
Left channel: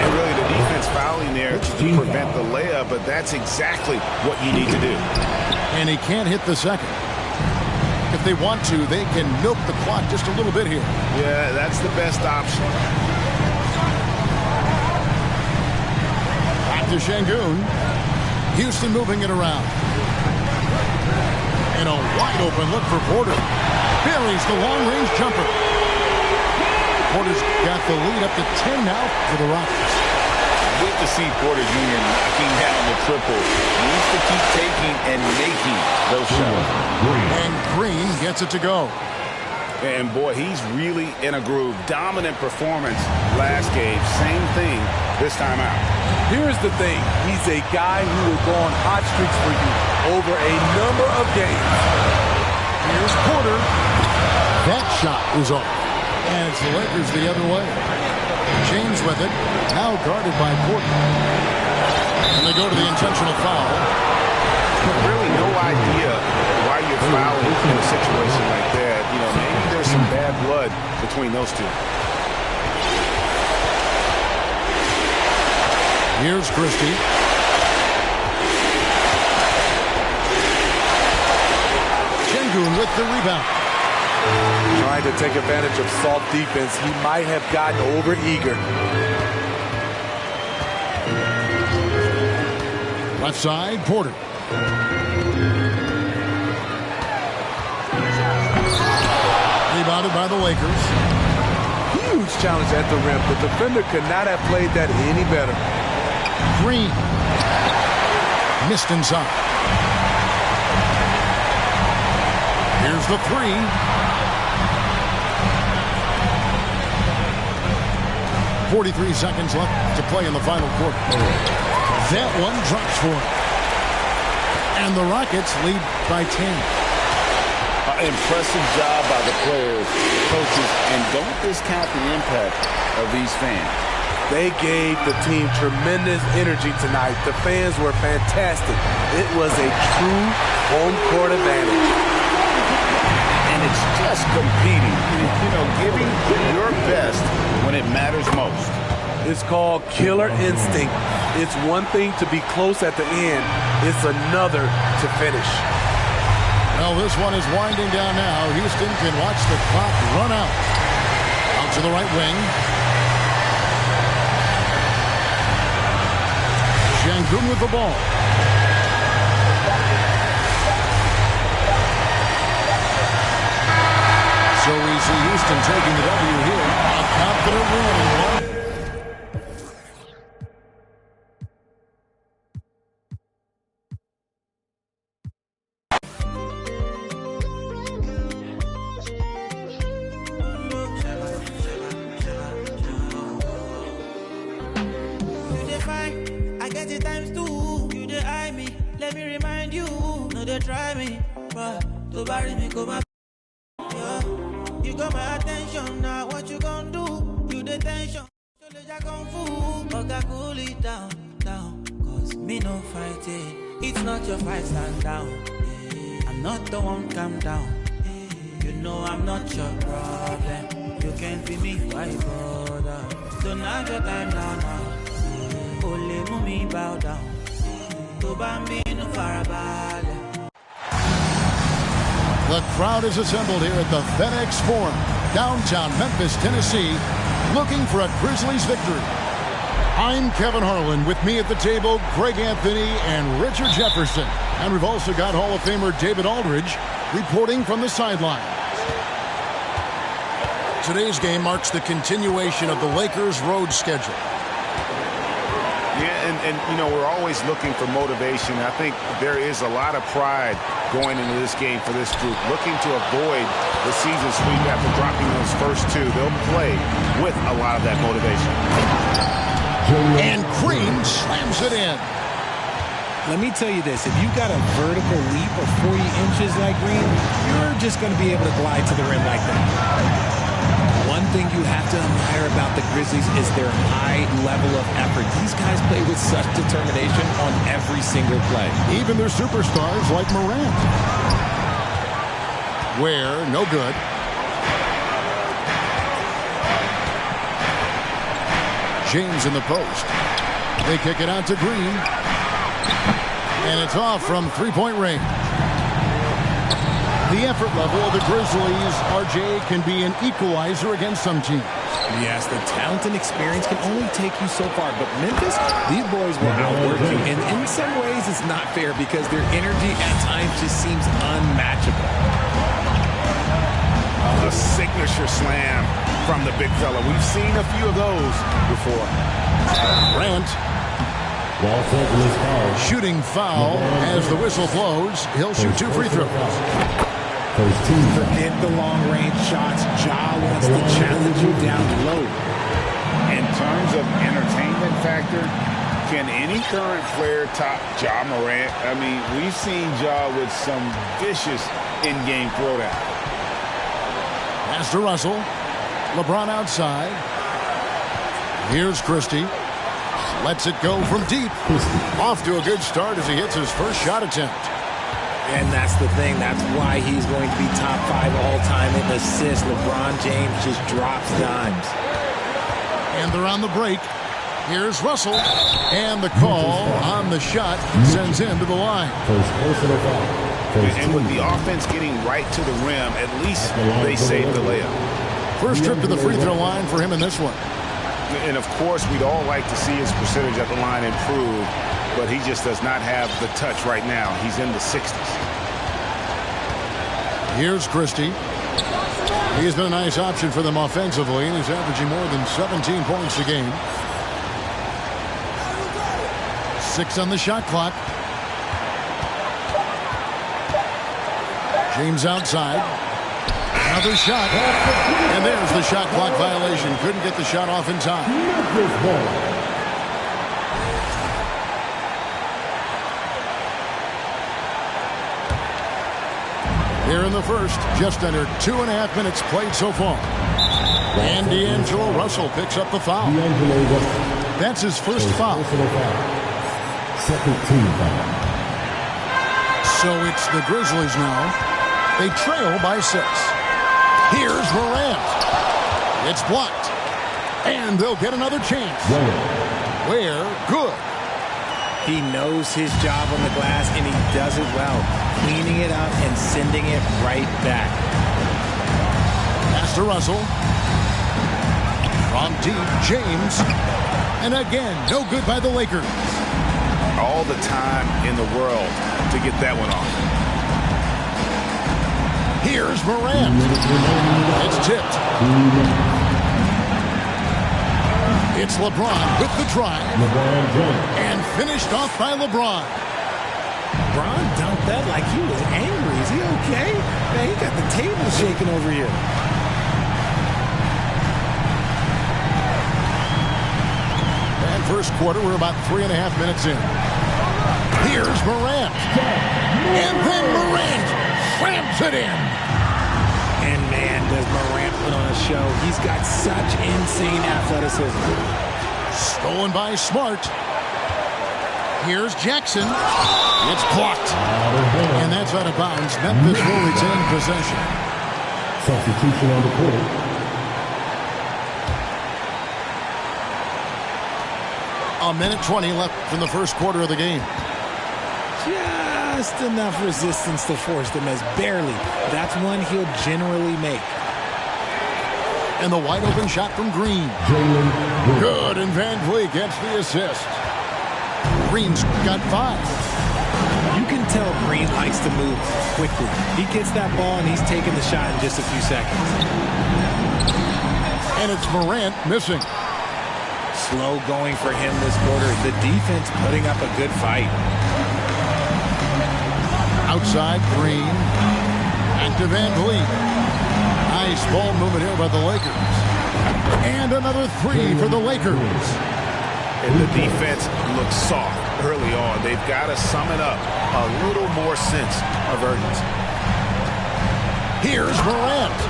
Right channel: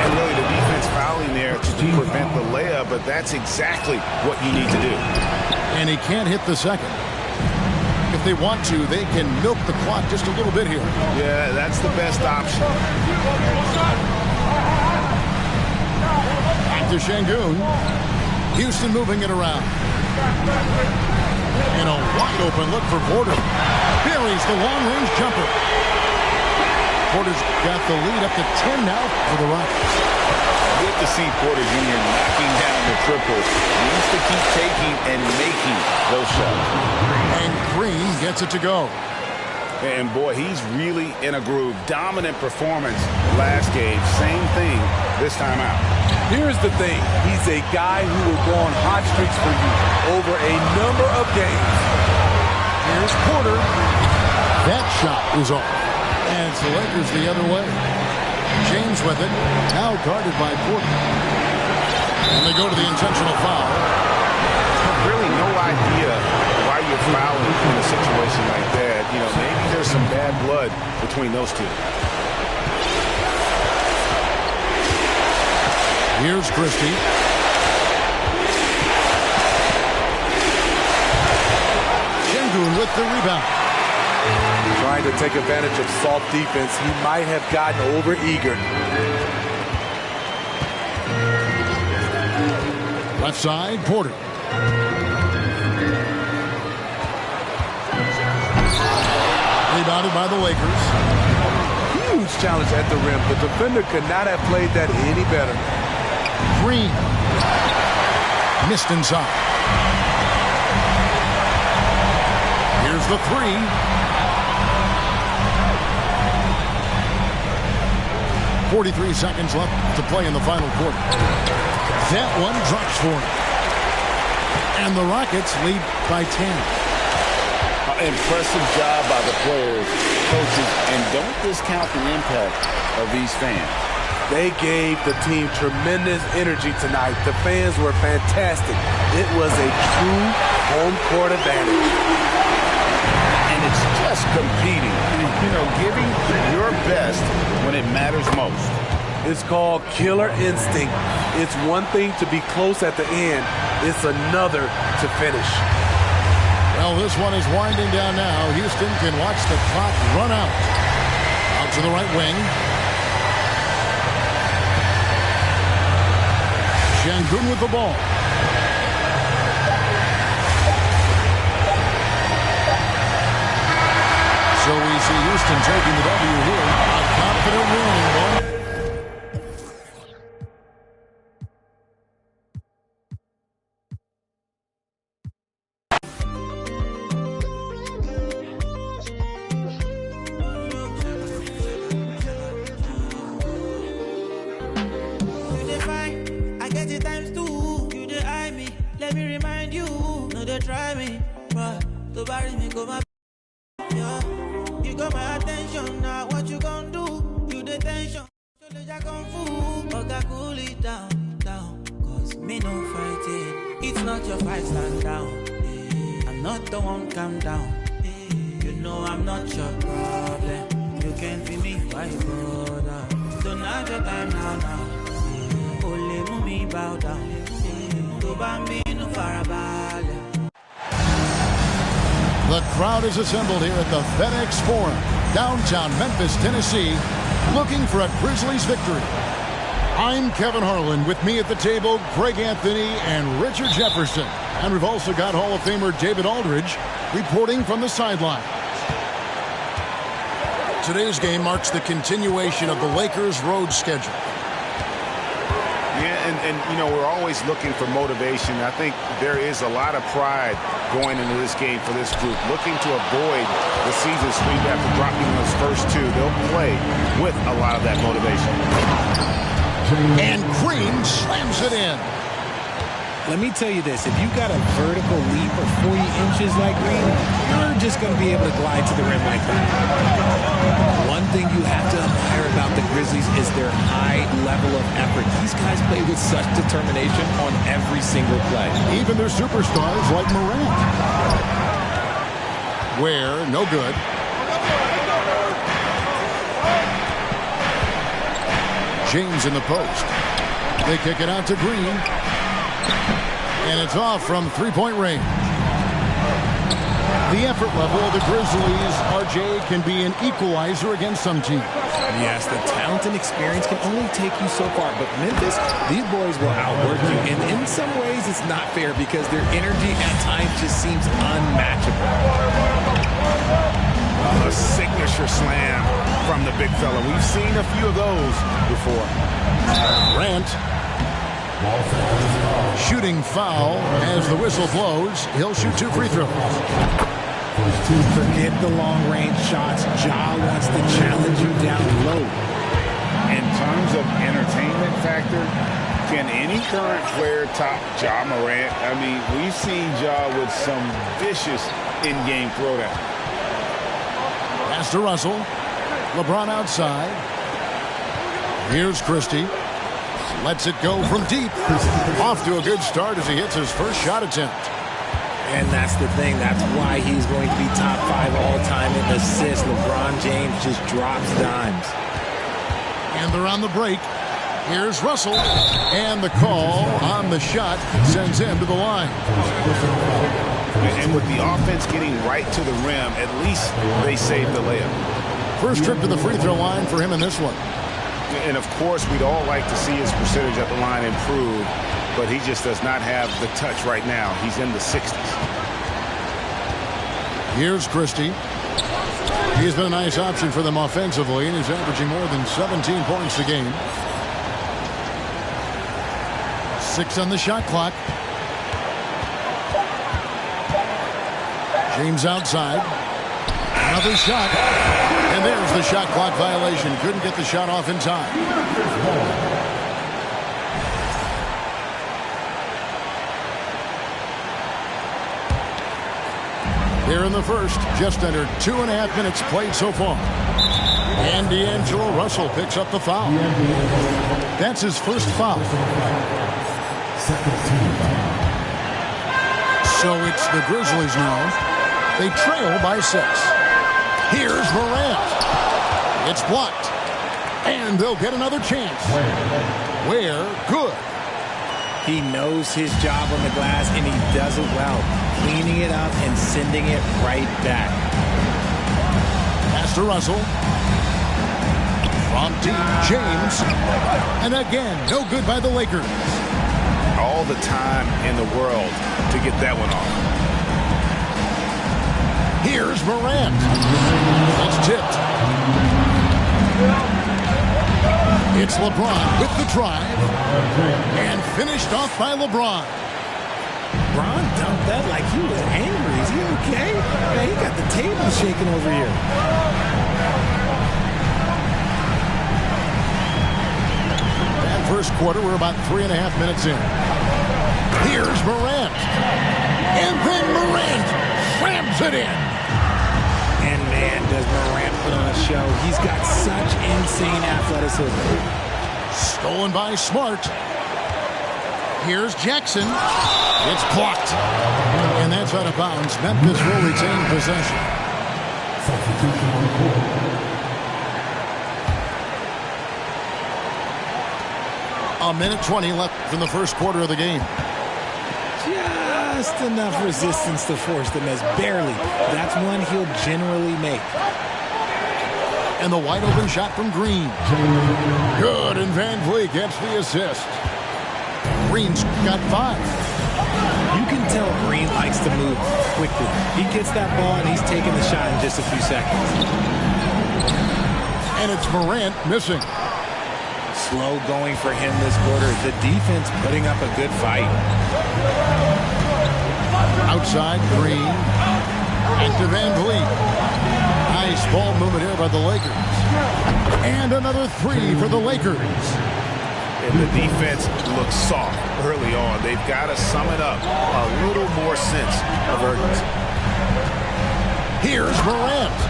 And really the defense fouling there to prevent the layup, but that's exactly what you need to do. And he can't hit the second. If they want to, they can milk the clock just a little bit here. Yeah, that's the best option. Back to Şengün. Houston moving it around. And a wide open look for Porter. Buries the long-range jumper. Porter's got the lead up to 10 now for the Rockets. Good to see Porter Jr. knocking down the triple. Needs to keep taking and making those shots. And Green gets it to go. And boy, he's really in a groove. Dominant performance last game. Same thing this time out. Here's the thing. He's a guy who will go on hot streaks for you over a number of games. Here's Porter. That shot is off. And it's the Lakers the other way. James with it. Now guarded by Porter. And they go to the intentional foul. Really no idea why you're fouling in a situation like that. You know, maybe there's some bad blood between those two. Here's Christie. Şengün with the rebound. Trying to take advantage of soft defense. He might have gotten over-eager. Left side, Porter. Rebounded by the Lakers. Huge challenge at the rim. The defender could not have played that any better. Green. Missed inside. Here's the three. .43 seconds left to play in the final quarter. That one drops for him. And the Rockets lead by 10. Impressive job by the players, coaches, and don't discount the impact of these fans. They gave the team tremendous energy tonight. The fans were fantastic. It was a true home court advantage. And it's just competing, you know, giving your best when it matters most. It's called killer instinct. It's one thing to be close at the end. It's another to finish. Well, this one is winding down now. Houston can watch the clock run out. Out to the right wing. Şengün with the ball. So we see Houston taking the W here. A confident win in one. I get it times two. You dey eye me. Let me remind you. No, they try me. But to bury me, come up. Yeah. You got my attention now. What you gonna do? You the tension. So let ya kung fu. Okay, cool it down, down. Cause me no fighting. It's not your fight, stand down. I'm not the one, calm down. You know I'm not your problem. You can't be me, why bother? Don't have your time now. Only move bow down. To bambino farabale. The crowd is assembled here at the FedEx Forum, downtown Memphis, Tennessee, looking for a Grizzlies victory. I'm Kevin Harlan. With me at the table, Greg Anthony and Richard Jefferson. And we've also got Hall of Famer David Aldridge reporting from the sidelines. Today's game marks the continuation of the Lakers' road schedule. Yeah, and you know, we're always looking for motivation. I think there is a lot of pride going into this game for this group, looking to avoid the season sweep after dropping those first two. They'll play with a lot of that motivation. And Green slams it in. Let me tell you this, if you got a vertical leap of 40 inches like Green, you're just going to be able to glide to the rim like that. One thing you have to admire about the Grizzlies is their high level of effort. These guys play with such determination on every single play. Even their superstars like Morant. Ware, no good. James in the post. They kick it out to Green. And it's off from three-point range. The effort level of the Grizzlies, RJ, can be an equalizer against some teams. Yes, the talent and experience can only take you so far. But Memphis, these boys will outwork you. And in some ways, it's not fair because their energy at times just seems unmatchable. A signature slam from the big fella. We've seen a few of those before. Grant. Shooting foul as the whistle blows. He'll shoot two free throws. Forget the long-range shots. Ja wants to challenge you down low. In terms of entertainment factor, can any current player top Ja Morant? I mean, we've seen Ja with some vicious in-game throwdown. Pass to Russell. LeBron outside. Here's Christie. Lets it go from deep. Off to a good start as he hits his first shot attempt. And that's the thing. That's why he's going to be top 5 all-time in assists. LeBron James just drops dimes. And they're on the break. Here's Russell. And the call on the shot sends him to the line. And with the offense getting right to the rim, at least they saved the layup. First trip to the free throw line for him in this one. And, of course, we'd all like to see his percentage at the line improve, but he just does not have the touch right now. He's in the 60s. Here's Christie. He's been a nice option for them offensively, and he's averaging more than 17 points a game. 6 on the shot clock. James outside. Another shot. And there's the shot clock violation. Couldn't get the shot off in time. Here in the first, just under 2.5 minutes played so far. And D'Angelo Russell picks up the foul. That's his first foul. Second team foul. So it's the Grizzlies now. They trail by 6. Here's Morant. It's blocked. And they'll get another chance. Ware, good. He knows his job on the glass, and he does it well. Cleaning it up and sending it right back. Pass to Russell. From deep, James. And again, no good by the Lakers. All the time in the world to get that one off. Here's Morant. It's tipped. It's LeBron with the drive. And finished off by LeBron. LeBron dumped that like he was angry. Is he okay? Man, he got the table shaking over here. And first quarter, we're about 3.5 minutes in. Here's Morant. And then Morant slams it in. And man, does Morant put on a show. He's got such insane athleticism. Stolen by Smart. Here's Jackson. It's blocked. And that's out of bounds. Memphis will retain possession. Substitution on the court. A minute 20 left in the first quarter of the game. Just enough resistance to force them as barely. That's one he'll generally make. And the wide open shot from Green. Good, and Van Vliet gets the assist. Green's got 5. You can tell Green likes to move quickly. He gets that ball and he's taking the shot in just a few seconds. And it's Morant missing. Slow going for him this quarter. The defense putting up a good fight. Outside, Green. And to Van Vliet. Nice ball movement here by the Lakers. And another 3 for the Lakers. And the defense looks soft early on. They've got to sum it up. A little more sense of urgency. Here's Morant.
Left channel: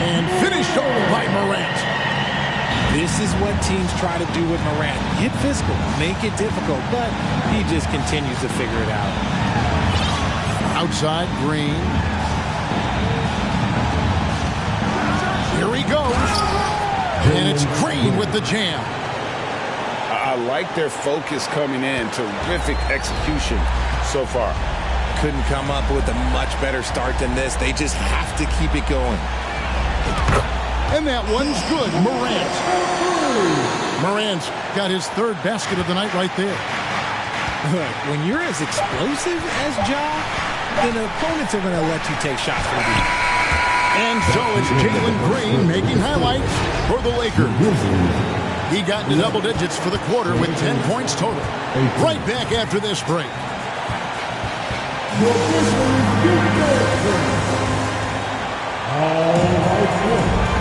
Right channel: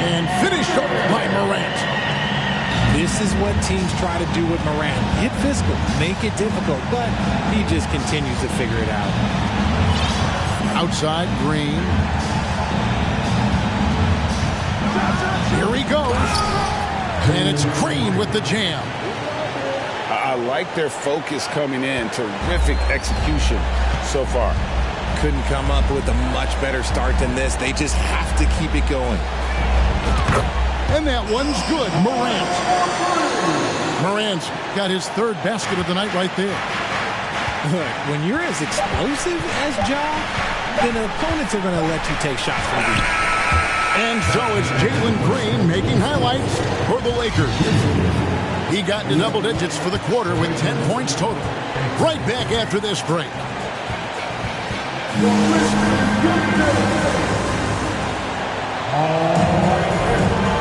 And finished over by Morant. This is what teams try to do with Morant. Get physical, make it difficult, but he just continues to figure it out. Outside, Green. Here he goes. And it's Green with the jam. I like their focus coming in. Terrific execution so far. Couldn't come up with a much better start than this. They just have to keep it going. And that one's good. Morant. Morant's got his 3rd basket of the night right there. Look, when you're as explosive as Ja, then opponents are going to let you take shots from deep. And so it's Jalen Green making highlights for the Lakers. He got into double digits for the quarter with 10 points total. Right back after this break.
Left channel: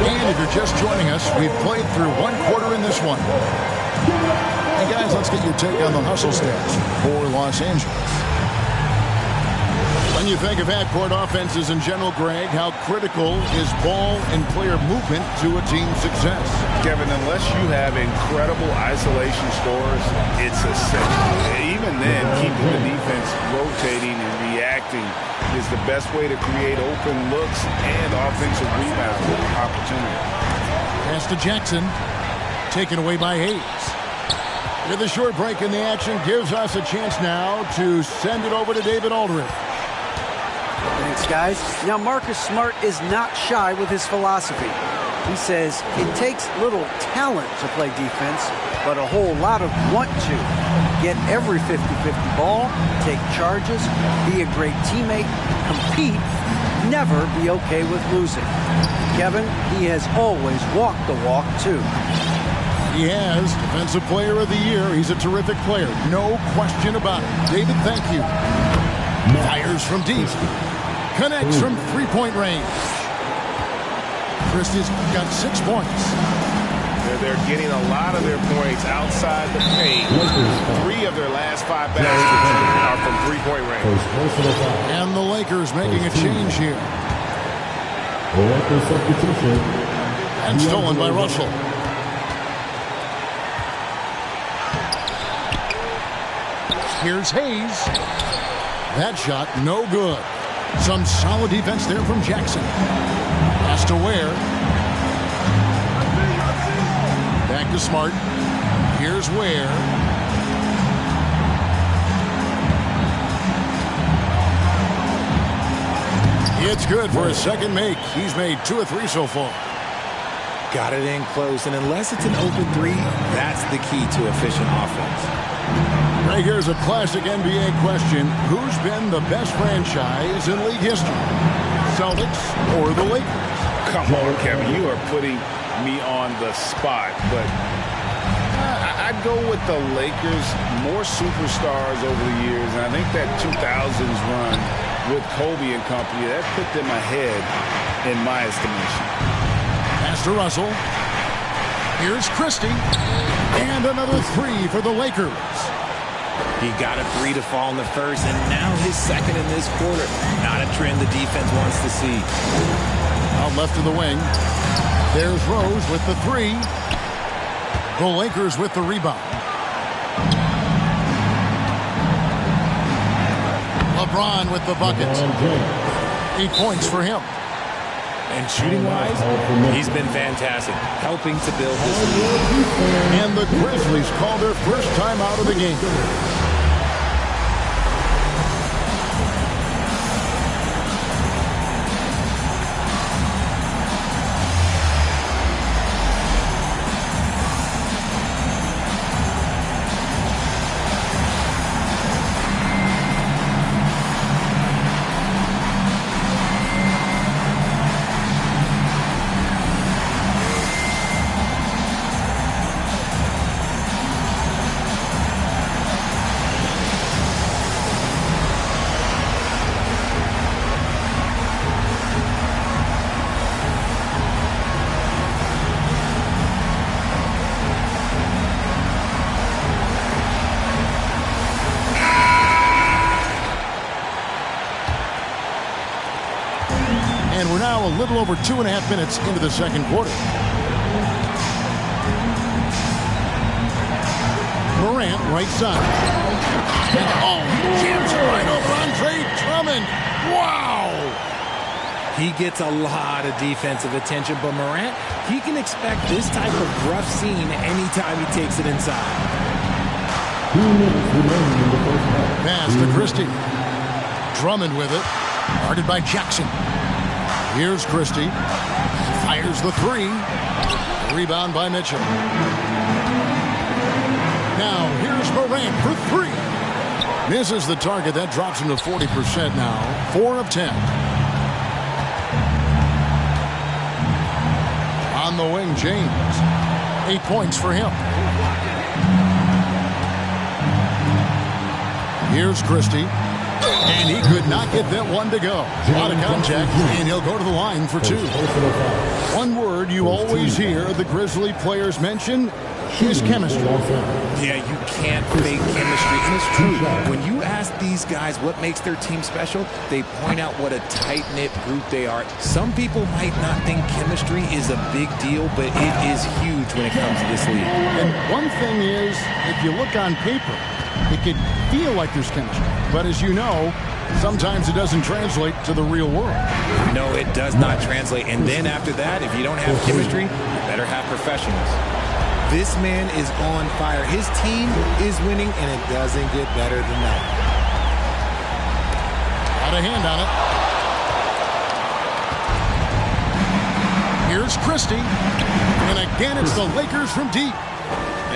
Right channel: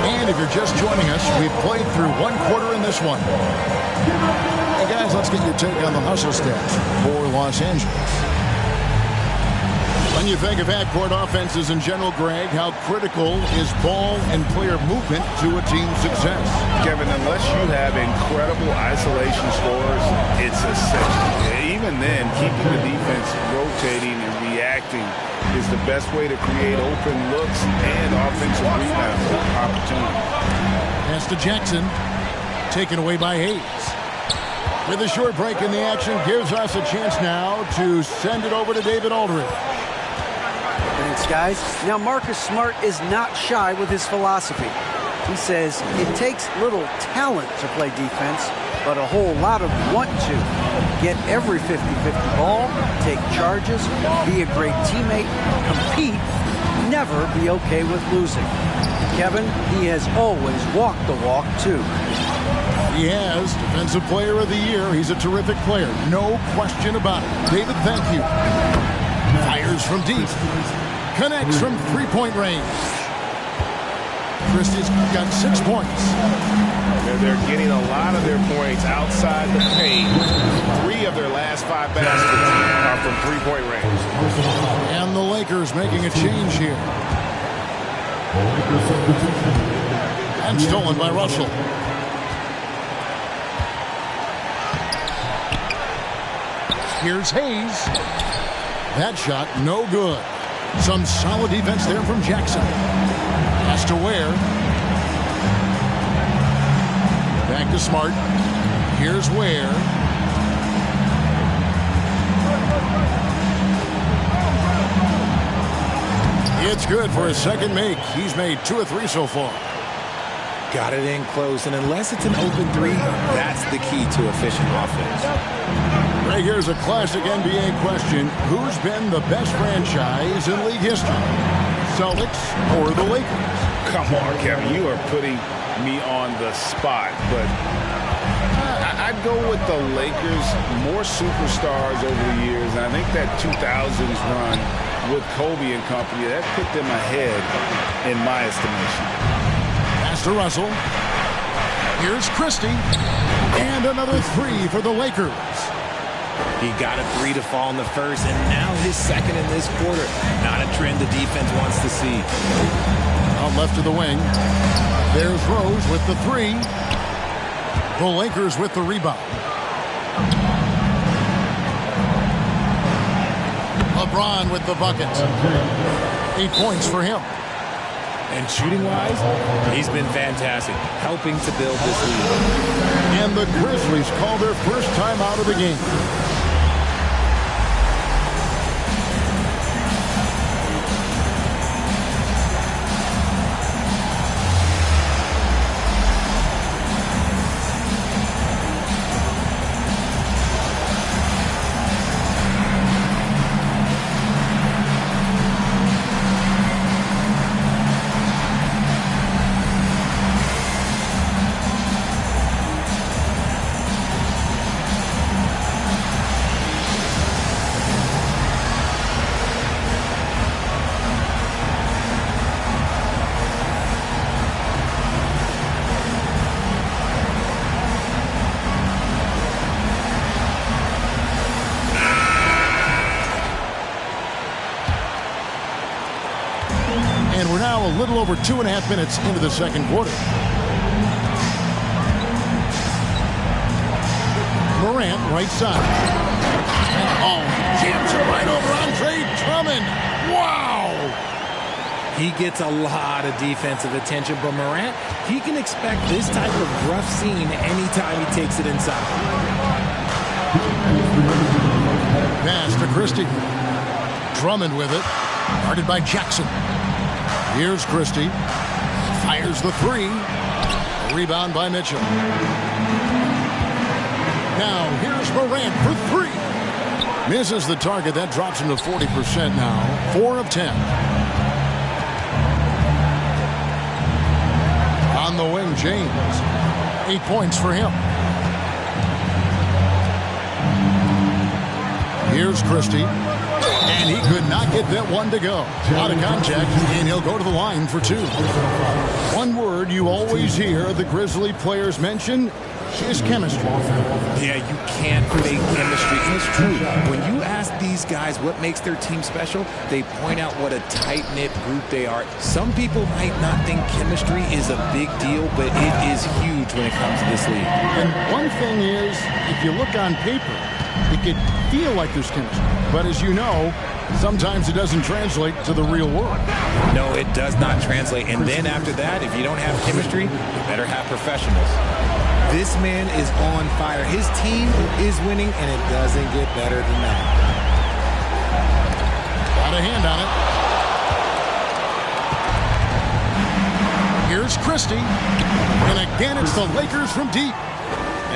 And if you're just joining us, we've played through 1 quarter in this one. And guys, let's get your take on the hustle stats for Los Angeles. When you think of half-court offenses in general, Greg, how critical is ball and player movement to a team's success? Kevin, unless you have incredible isolation scores, it's essential. Even then, keeping the defense rotating and reacting is the best way to create open looks and offensive rebound opportunities. Pass to Jackson, taken away by Hayes. With a short break in the action, gives us a chance now to send it over to David Aldridge. Thanks, guys. Now, Marcus Smart is not shy with his philosophy. He says it takes little talent to play defense, but a whole lot of want to. Get every 50-50 ball, take charges, be a great teammate, compete, never be okay with losing. Kevin, he has always walked the walk, too. He has Defensive Player of the Year. He's a terrific player. No question about it. David, thank you. Fires from deep. Connects from three-point range. Christie's got 6 points. They're getting a lot of their points outside the paint. 3 of their last 5 baskets are from three-point range. And the Lakers making a change here. And stolen by Russell. Here's Hayes. That shot, no good. Some solid defense there from Jackson. Pass to Ware. Back to Smart. Here's Ware. It's good for his second make. He's made 2 of 3 so far. Got it in close, and unless it's an open 3, that's the key to efficient offense. Right, here's a classic NBA question. Who's been the best franchise in league history? Celtics or the Lakers? Come on, Kevin. You are putting me on the spot, but I'd go with the Lakers. More superstars over the years, and I think that 2000s run with Kobe and company, that put them ahead in my estimation. Pass to Russell. Here's Christie. And another three for the Lakers. He got a three to fall in the first, and now his second in this quarter. Not a trend the defense wants to see. Out left to the wing. There's Rose with the three. The Lakers with the rebound. LeBron with the bucket. 8 points for him. And shooting-wise, he's been fantastic, helping to build this lead. And the Grizzlies call their first time out of the game. And we're now a little over 2.5 minutes into the second quarter. Morant, right side. And he jams it right over Andre Drummond. Wow! He gets a lot of defensive attention, but Morant, he can expect this type of rough scene anytime he takes it inside. Pass to Christie. Drummond with it. Guarded by Jackson. Here's Christie. Fires the three. Rebound by Mitchell. Now here's Morant for three. Misses the target. That drops him to 40% now. 4 of 10. On the wing, James. 8 points for him. Here's Christie. And he could not get that one to go. A lot of contact, and he'll go to the line for two. One word you always hear the Grizzly players mention is chemistry. Yeah, you can't fake chemistry. And it's true. When you ask these guys what makes their team special, they point out what a tight-knit group they are. Some people might not think chemistry is a big deal, but it is huge when it comes to this league. And one thing is, if you look on paper, it could feel like there's chemistry. But as you know, sometimes it doesn't translate to the real world. No, it does not translate. And then after that, if you don't have chemistry, you better have professionals. This man is on fire. His team is winning, and it doesn't get better than that. Got a hand on it. Here's Christie. And again, it's the Lakers from deep.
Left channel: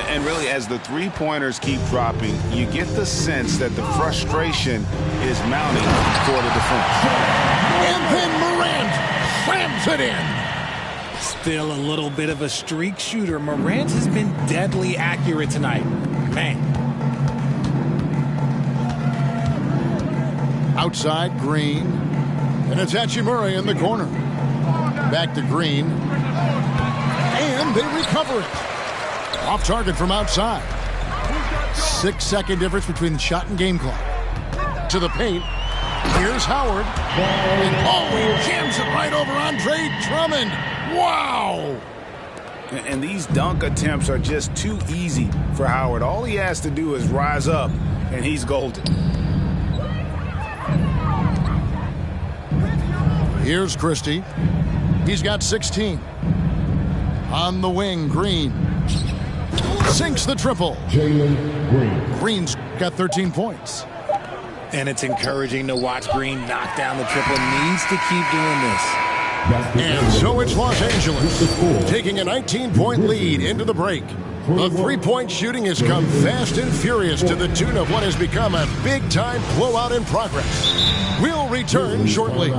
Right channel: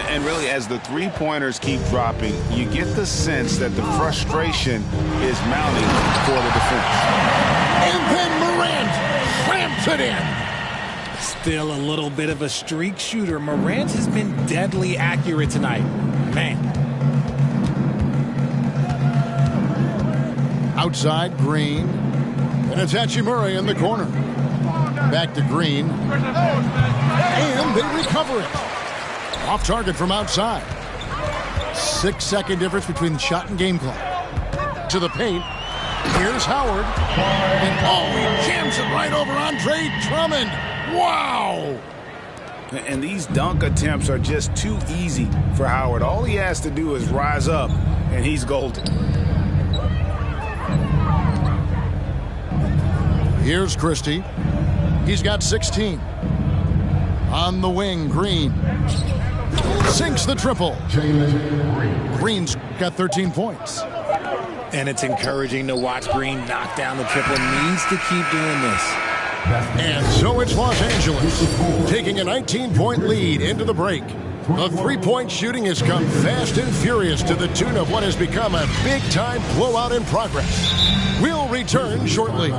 And really, as the three-pointers keep dropping, you get the sense that the frustration is mounting for the defense. And then Morant slams it in. Still a little bit of a streak shooter. Morant has been deadly accurate tonight. Man. Outside, Green. And it's Hachimura in the corner. Back to Green. And they recover it. Off target from outside. 6-second difference between the shot and game clock. To the paint. Here's Howard. And he jams it right over Andre Drummond. Wow! And these dunk attempts are just too easy for Howard. All he has to do is rise up, and he's golden. Here's Christie. He's got 16. On the wing, Green. Sinks the triple. Jalen Green. Green's got 13 points. And it's encouraging to watch Green knock down the triple. Needs to keep doing this. And so it's Los Angeles taking a 19-point lead into the break. The three-point shooting has come fast and furious to the tune of what has become a big-time blowout in progress. We'll return shortly.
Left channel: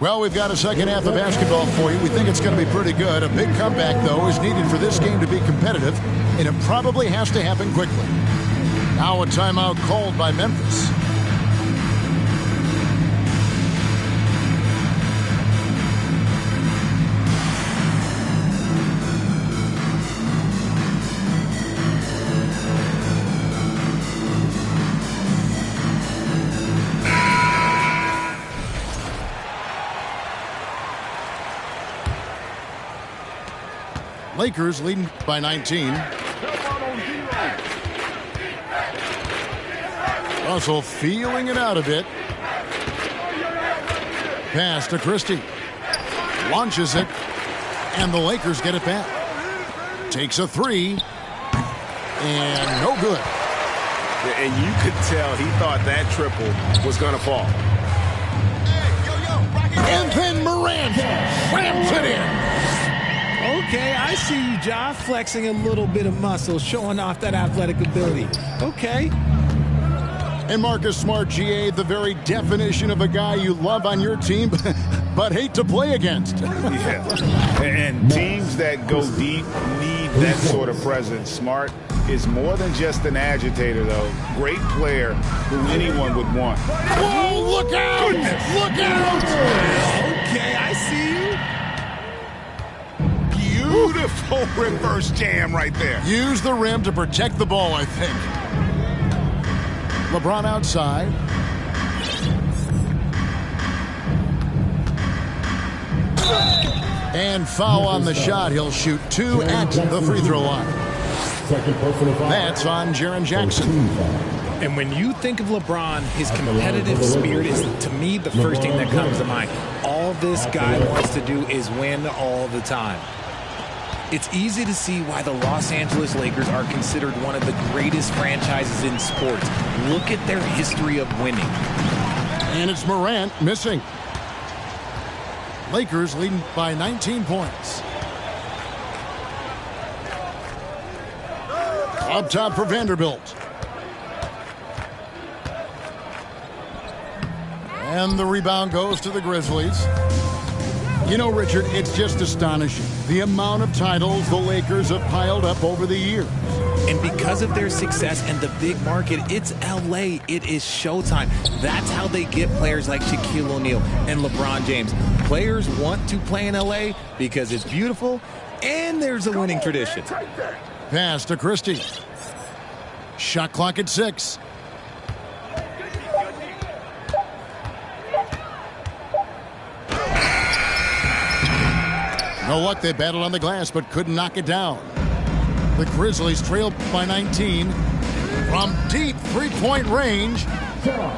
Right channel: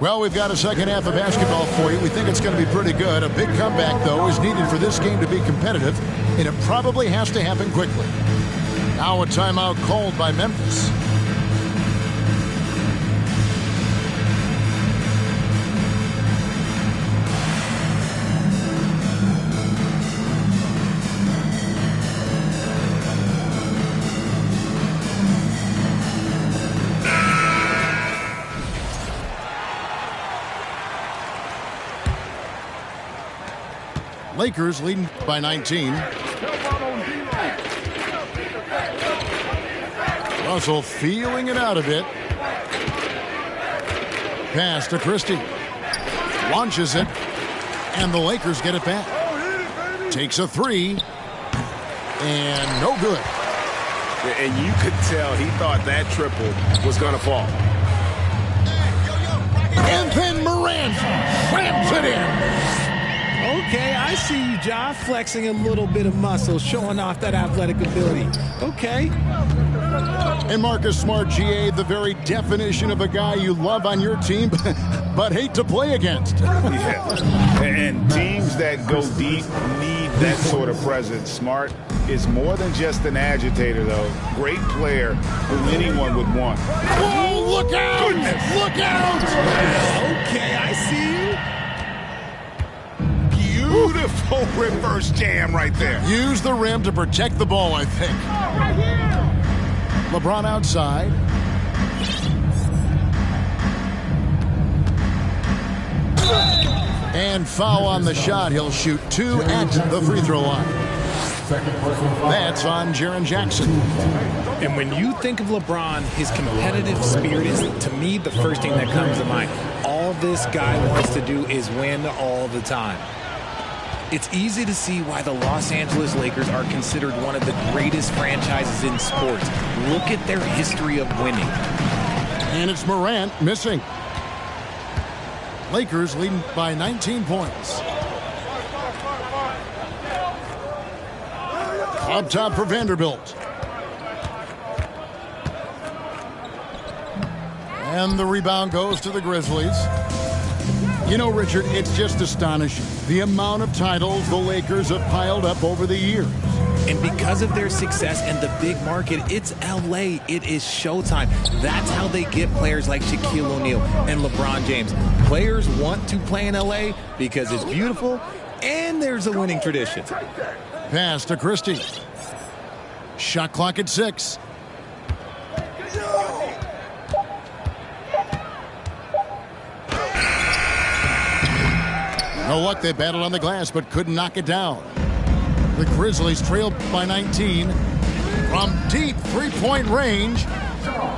Well, we've got a second half of basketball for you. We think it's going to be pretty good. A big comeback, though, is needed for this game to be competitive, and it probably has to happen quickly. Now a timeout called by Memphis. Lakers leading by 19. Russell feeling it out a bit. Pass to Christie. Launches it. And the Lakers get it back. Takes a three. And no good. And you could tell he thought that triple was going to fall. And then Morant slams it in. Okay, I see you, Ja, flexing a little bit of muscle, showing off that athletic ability. Okay. And Marcus Smart, GA, the very definition of a guy you love on your team, but hate to play against. Yeah. And teams that go deep need that sort of presence. Smart is more than just an agitator, though. Great player who anyone would want. Whoa, look out! Goodness. Look out! Okay, I see you. Beautiful reverse jam right there. Use the rim to protect the ball, I think. LeBron outside. And foul on the shot. He'll shoot 2 at the free throw line. That's on Jaren Jackson. And when you think of LeBron, his competitive spirit is, to me, the first thing that comes to mind. All this guy wants to do is win all the time. It's easy to see why the Los Angeles Lakers are considered one of the greatest franchises in sports. Look at their history of winning. And it's Morant missing. Lakers leading by 19 points. Up top for Vanderbilt. And the rebound goes to the Grizzlies. You know, Richard, it's just astonishing the amount of titles the Lakers have piled up over the years. And because of their success and the big market, it's LA. It is showtime. That's how they get players like Shaquille O'Neal and LeBron James. Players want to play in LA because it's beautiful and there's a winning tradition. Pass to Christie. Shot clock at 6. No luck, they battled on the glass, but couldn't knock it down. The Grizzlies trailed by 19 from deep three-point range,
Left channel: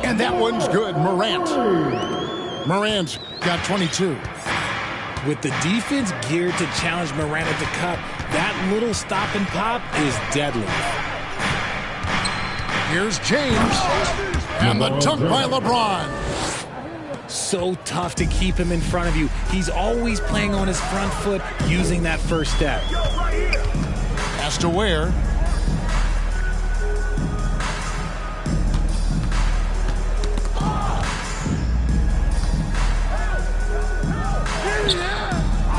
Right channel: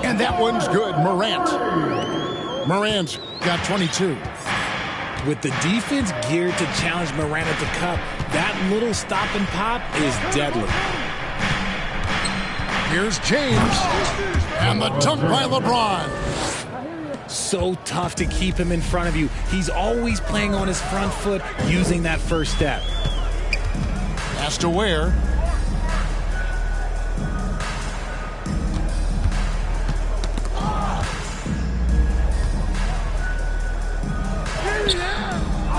and that one's good. Morant's got 22. With the defense geared to challenge Morant at the cup, that little stop and pop is deadly. Here's James, and the dunk by LeBron. So tough to keep him in front of you. He's always playing on his front foot, using that first step. Pass to Ware.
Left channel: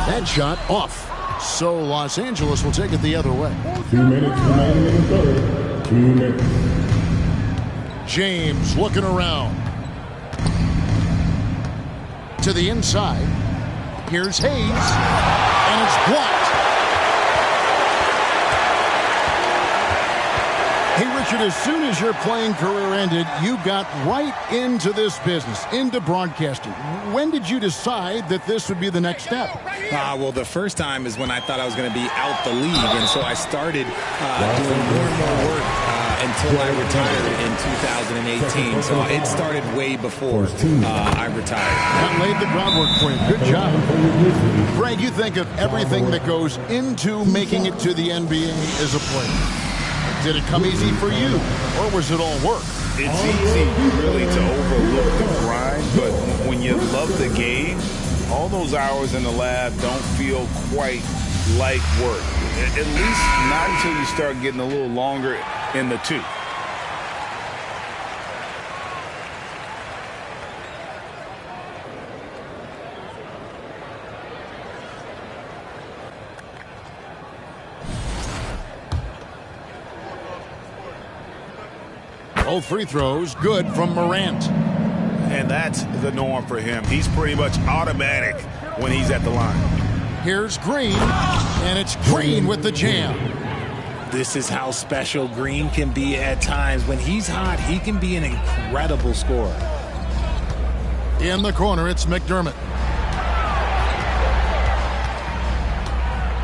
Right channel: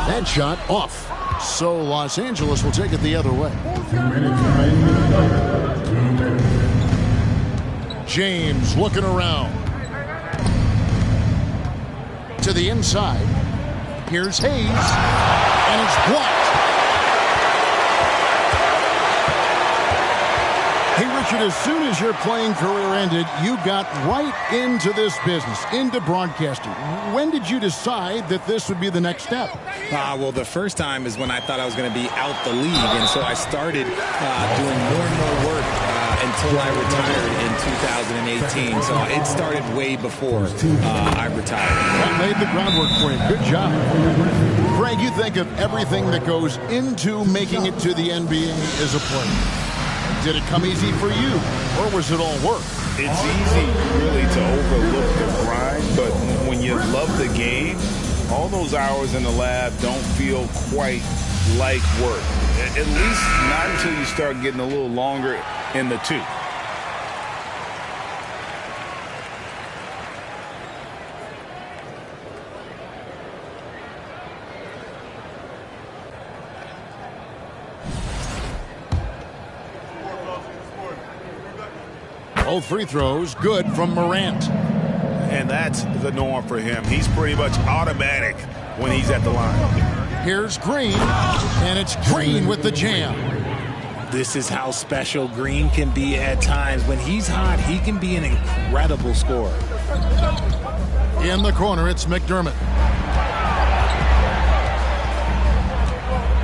That shot off. So Los Angeles will take it the other way. 2 minutes remaining in the third. 2 minutes. James looking around. To the inside. Here's Hayes. And it's blocked. Hey, Richard, as soon as your playing career ended, you got right into this business, into broadcasting. When did you decide that this would be the next step? Well, the first time is when I thought I was going to be out the league, and so I started doing more and more work until I retired in 2018. So it started way before I retired. That laid the groundwork for you. Good job. Greg, you think of everything that goes into making it to the NBA as a player. Did it come easy for you, or was it all work? It's easy, really, to overlook the grind, but when you love the game, all those hours in the lab don't feel quite like work. At least not until you start getting a little longer in the tooth. Both free throws good from Morant. And that's the norm for him. He's pretty much automatic when he's at the line. Here's Green, and it's Green with the jam. This is how special Green can be at times. When he's hot, he can be an incredible scorer. In the corner, it's McDermott.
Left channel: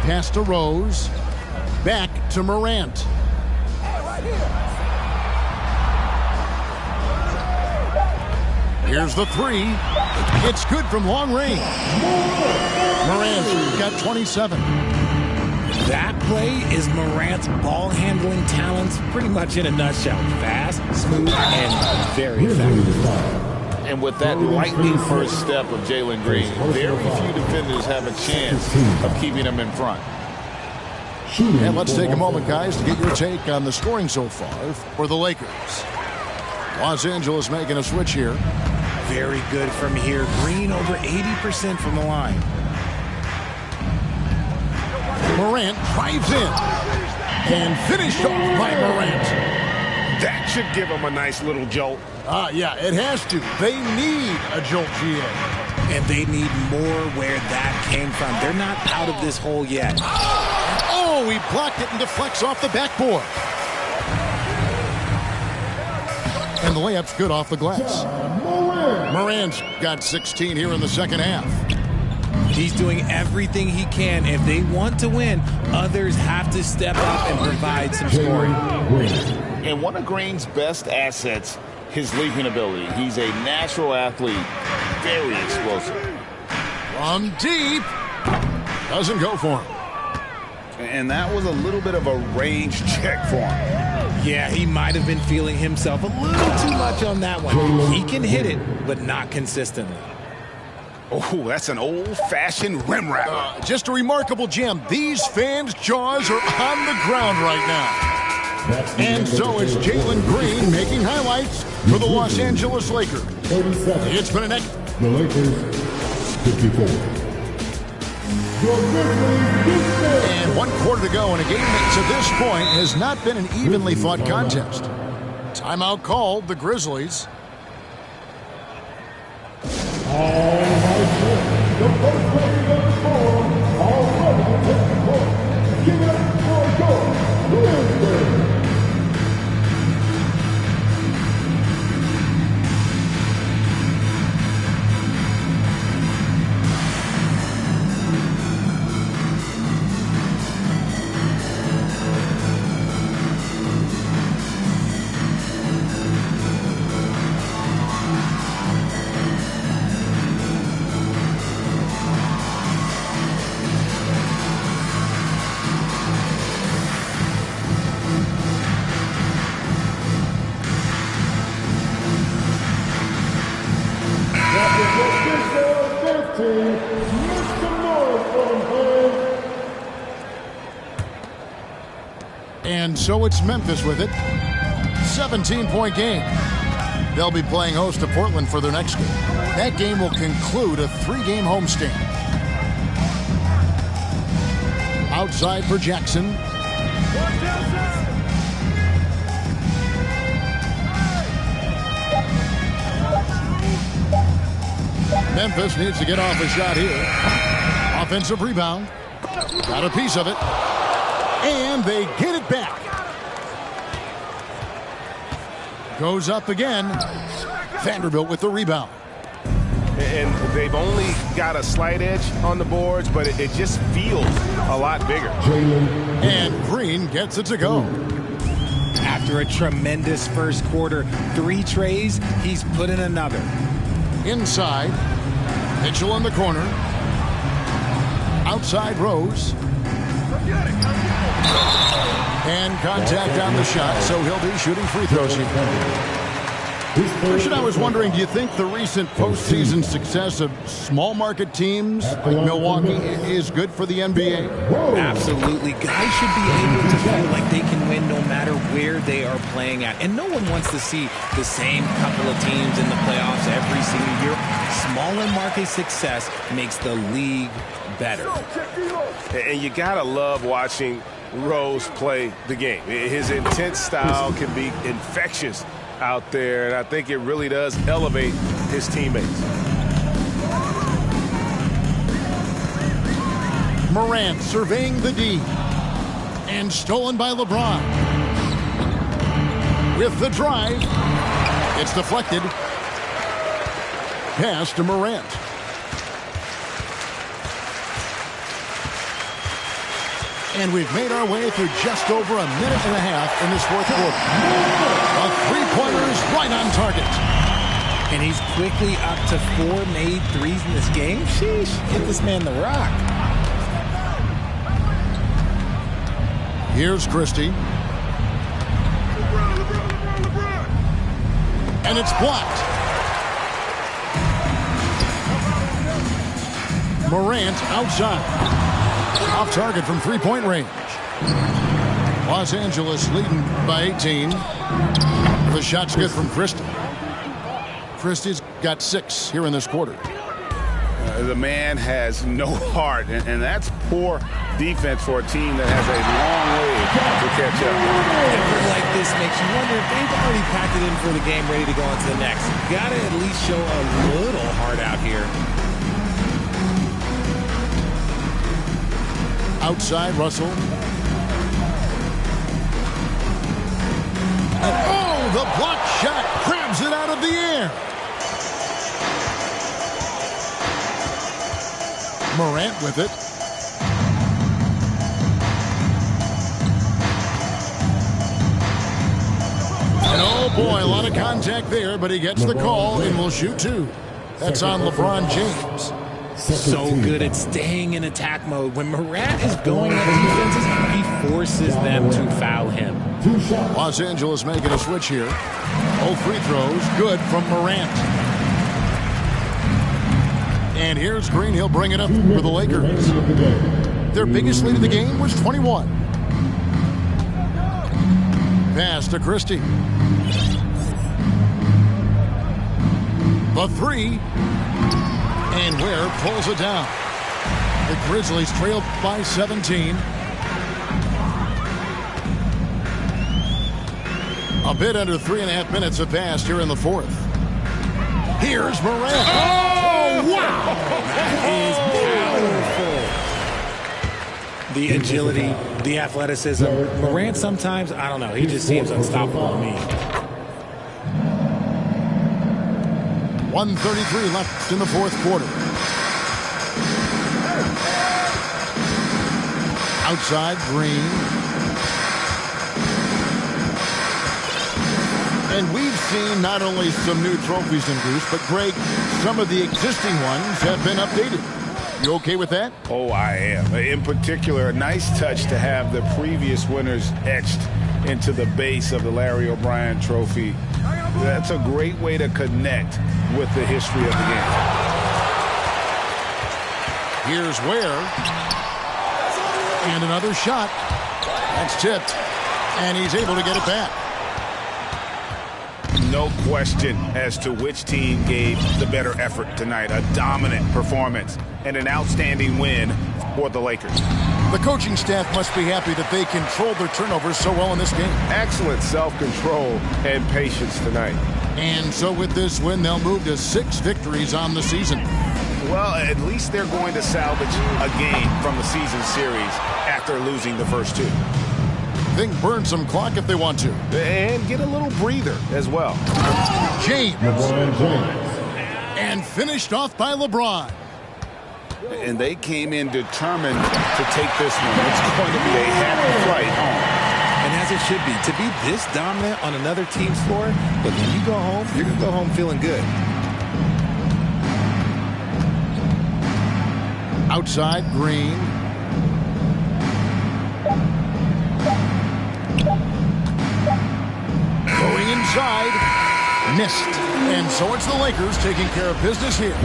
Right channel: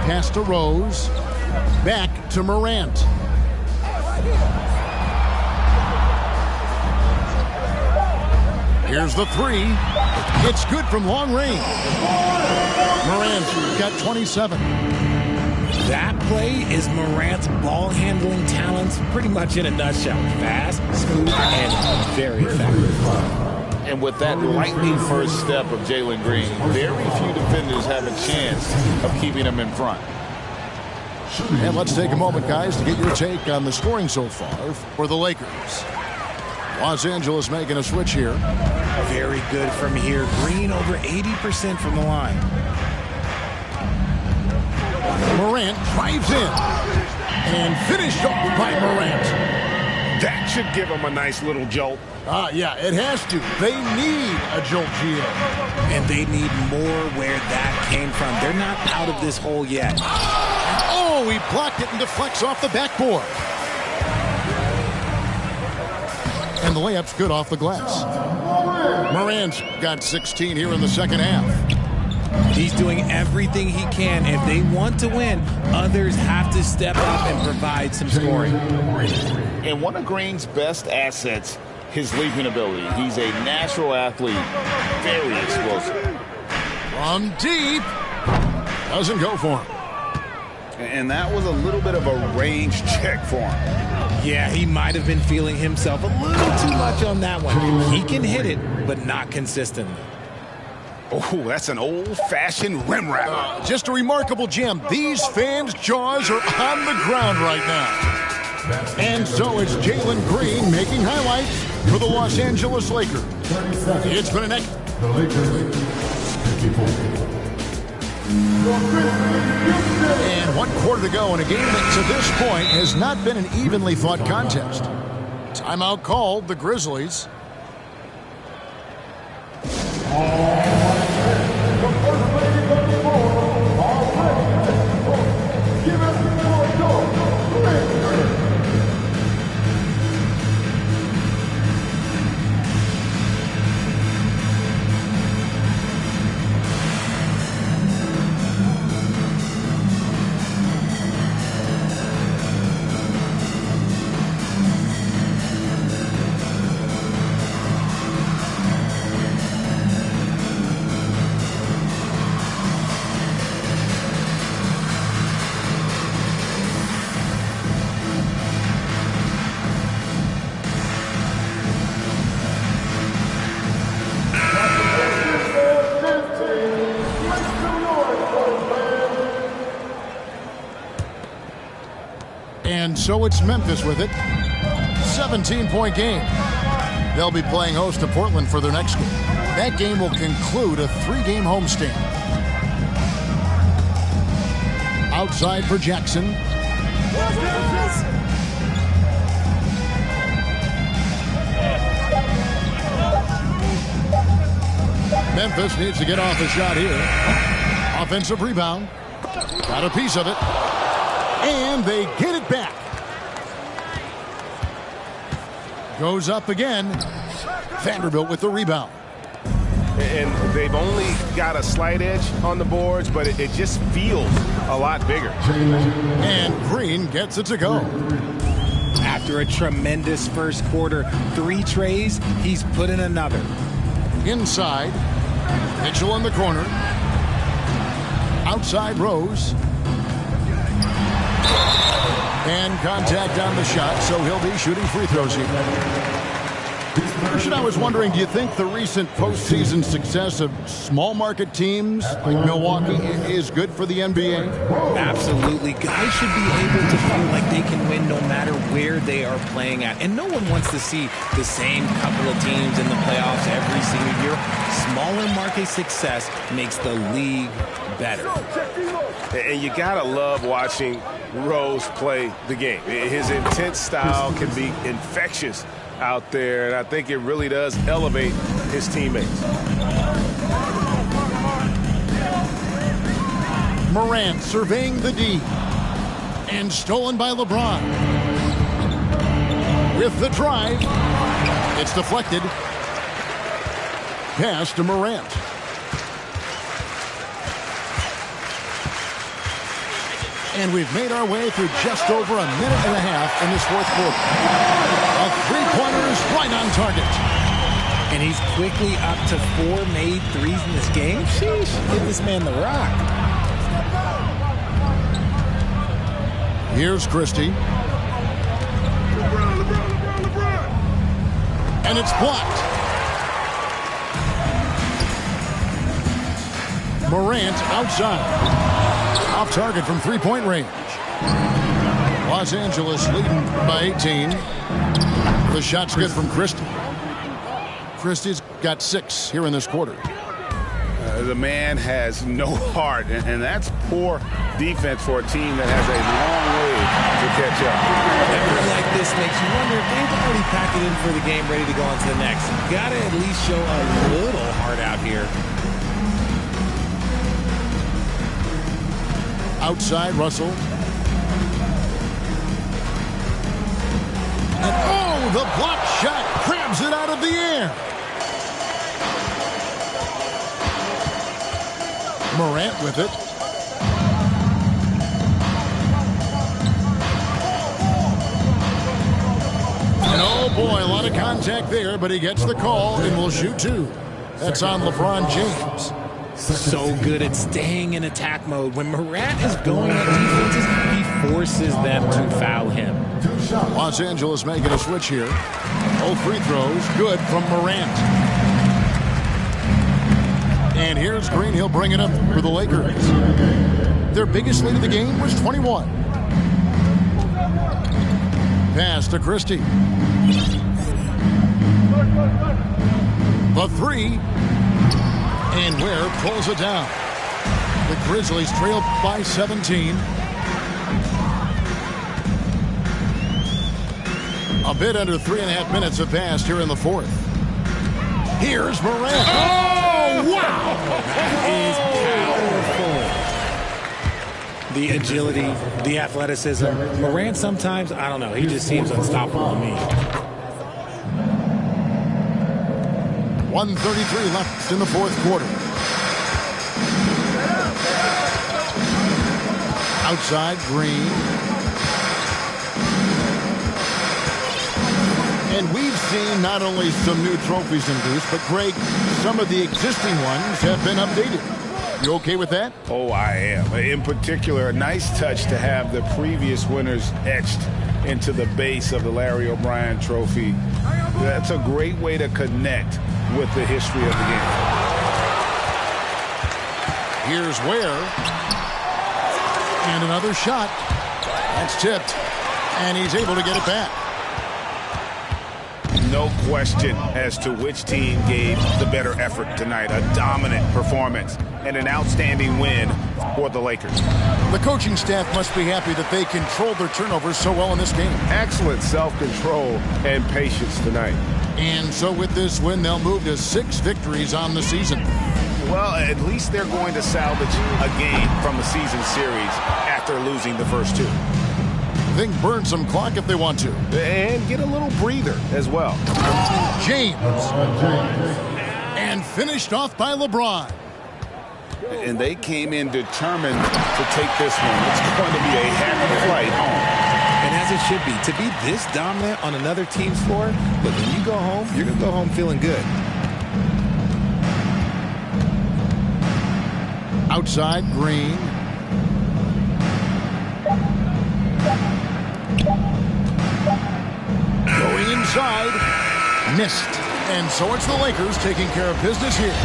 Pass to Rose. Back to Morant. Here's the three. It's good from long range. Morant's got 27. That play is Morant's ball handling talents pretty much in a nutshell. Fast, smooth, and very effective. And with that lightning first step of Jalen Green, very few defenders have a chance of keeping him in front. And let's take a moment, guys, to get your take on the scoring so far for the Lakers. Los Angeles making a switch here. Very good from here. Green over 80% from the line. Morant drives in and finished off by Morant. That should give him a nice little jolt. Yeah, it has to. They need a jolt, GA. And they need more where that came from. They're not out of this hole yet. Oh, he blocked it and deflects off the backboard. And the layup's good off the glass. Morant's got 16 here in the second half. He's doing everything he can. If they want to win, others have to step up and provide some scoring. And one of Green's best assets, his leaping ability. He's a natural athlete, very explosive. From deep, doesn't go for him. And that was a little bit of a range check for him. Yeah, he might have been feeling himself a little too much on that one. He can hit it, but not consistently. Oh, that's an old-fashioned rim wrapper. Just a remarkable jam. These fans' jaws are on the ground right now. And so it's Jalen Green making highlights for the Los Angeles Lakers. It's been an The Lakers, 54. And 1 quarter to go in a game that to this point has not been an evenly fought contest. Timeout called, the Grizzlies. And so it's Memphis with it. 17-point game. They'll be playing host to Portland for their next game. That game will conclude a 3-game homestand. Outside for Jackson. Memphis needs to get off a shot here. Offensive rebound. Got a piece of it. And they get it back. Goes up again. Vanderbilt with the rebound. And they've only got a slight edge on the boards, but it just feels a lot bigger. And Green gets it to go. After a tremendous first quarter, 3 trays, he's put in another. Inside. Mitchell in the corner. Outside Rose. And contact on the shot, so he'll be shooting free throws here. Christian, I was wondering, do you think the recent postseason success of small market teams like Milwaukee is good for the NBA? Absolutely. Guys should be able to feel like they can win no matter where they are playing at. And no one wants to see the same couple of teams in the playoffs every single year. Smaller market success makes the league better. And you gotta love watching Rose play the game. His intense style can be infectious out there, and I think it really does elevate his teammates. Morant surveying the D. And stolen by LeBron. With the drive. It's deflected. Pass to Morant. And we've made our way through just over a minute and a half in this fourth quarter. A three-pointer is right on target. And he's quickly up to 4 made threes in this game. Sheesh, get this man the rock. Here's Christie. LeBron. And it's blocked. Morant outside. Off target from three-point range. Los Angeles leading by 18. The shot's good from Christie. Christie's got 6 here in this quarter. The man has no heart, and that's poor defense for a team that has a long way to catch up. Effort like this makes you wonder if they've already packed it in for the game, ready to go on to the next. Got to at least show a little heart out here. Outside, Russell. And oh, the block shot grabs it out of the air. Morant with it. And oh boy, a lot of contact there, but he gets the call and will shoot 2. That's on LeBron James. So good at staying in attack mode. When Morant is going at defenses, he forces them to foul him. Los Angeles making a switch here. All free throws, good from Morant. And here's Green. He'll bring it up for the Lakers. Their biggest lead of the game was 21. Pass to Christie. The 3. And Ware pulls it down. The Grizzlies trail by 17. A bit under 3.5 minutes have passed here in the fourth. Here's Morant. Oh, wow! That is powerful. The agility, the athleticism. Morant sometimes, I don't know, he just seems unstoppable to me. 1:33 left in the fourth quarter. Outside, Green. And we've seen not only some new trophies introduced, but Greg, some of the existing ones have been updated. You okay with that? Oh, I am. In particular, a nice touch to have the previous winners etched into the base of the Larry O'Brien Trophy. That's a great way to connect with the history of the game. Here's Ware. And another shot. That's tipped. And he's able to get it back. No question as to which team gave the better effort tonight. A dominant performance and an outstanding win for the Lakers. The coaching staff must be happy that they controlled their turnovers so well in this game. Excellent self-control and patience tonight. And so with this win, they'll move to 6 victories on the season. Well, at least they're going to salvage a game from the season series after losing the first 2. They can burn some clock if they want to. And get a little breather as well. James. And finished off by LeBron. And they came in determined to take this one. It's going to be a happy flight home. And as it should be, to be this dominant on another team's floor, but when you go home, you're going to go home feeling good. Outside, Green. Going inside. Missed. And so it's the Lakers taking care of business here.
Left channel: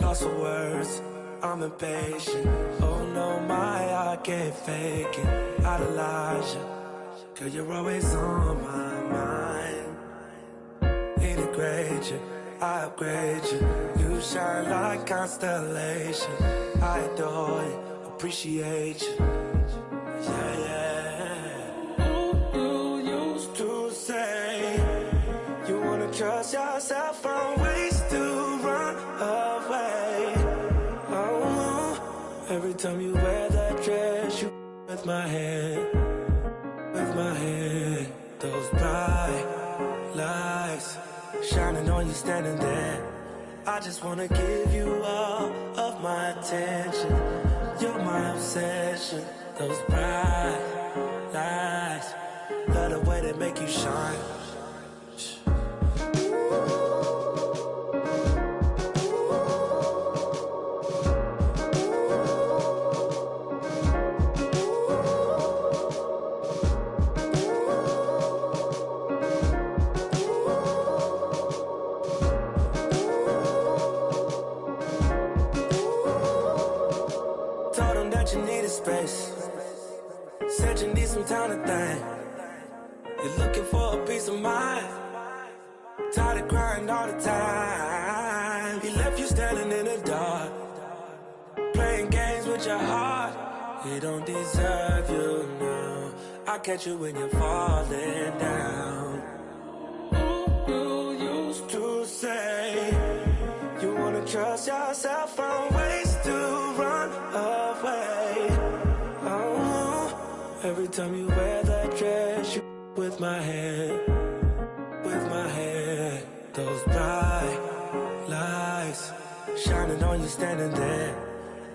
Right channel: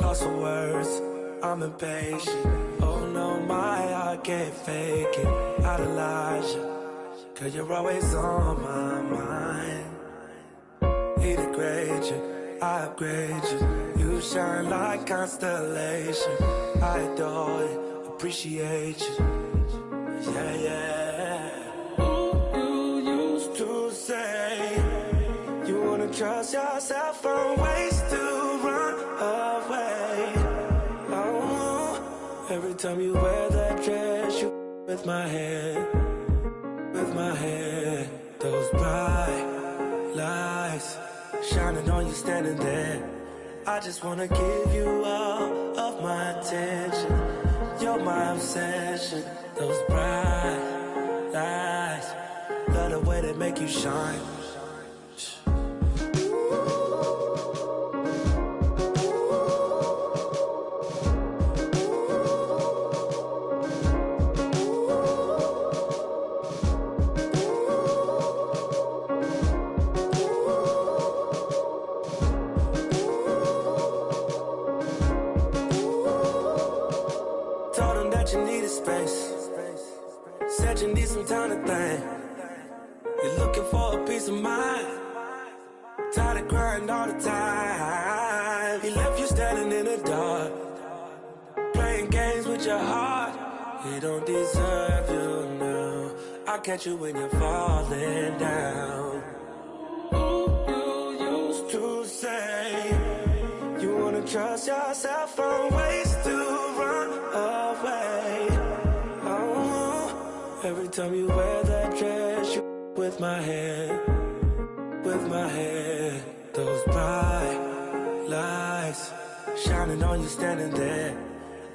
Lost for words, I'm impatient. Oh don't know my heart can't fake it. Idolize you, 'cause you're always on my mind. He degrade you, I upgrade you. You shine like constellation. I adore you, appreciate you. Yeah, yeah. Ooh, you used to say you wanna trust yourself from ways to run away. Oh, every time you wear that dress, you with my head, with my head. Those bright lights shining on you standing there. I just wanna give you all of my attention. You're my obsession. Those bright lights, love the way they make you shine. Told them that you needed space. Said you need some time to think. You're looking for a peace of mind. Tired of crying all the time. He left you standing in the dark, playing games with your heart. He don't deserve you now. I'll catch you when you're falling down. Ooh, you used to say you wanna trust yourself from ways to run away. Oh, every time you wear that dress, you with my head, with my head. Those bright lights shining on you standing there.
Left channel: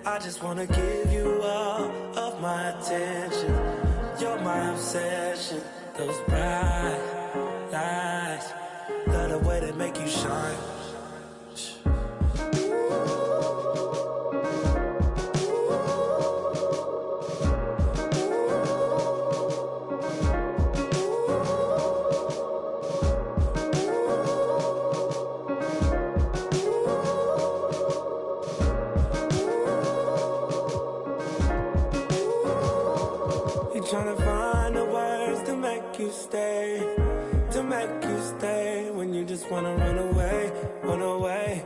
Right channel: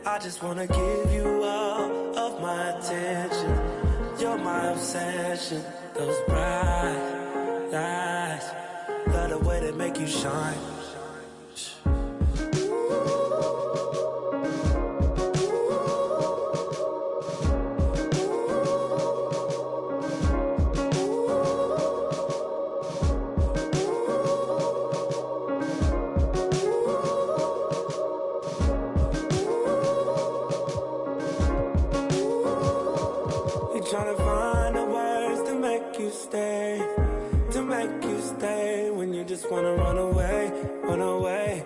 I just wanna give you all of my attention. You're my obsession. Those bright lights, love the way they make you shine. Trying to find the words to make you stay, to make you stay when you just wanna run away, run away.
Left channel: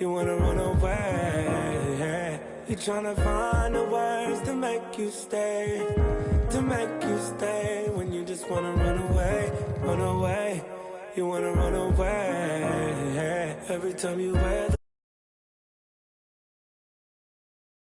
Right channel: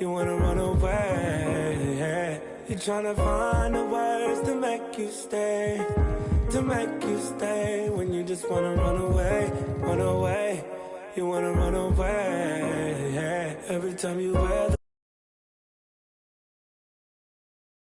You wanna run away. You're trying to find the words to make you stay, to make you stay when you just wanna run away, run away. You wanna run away. Every time you wear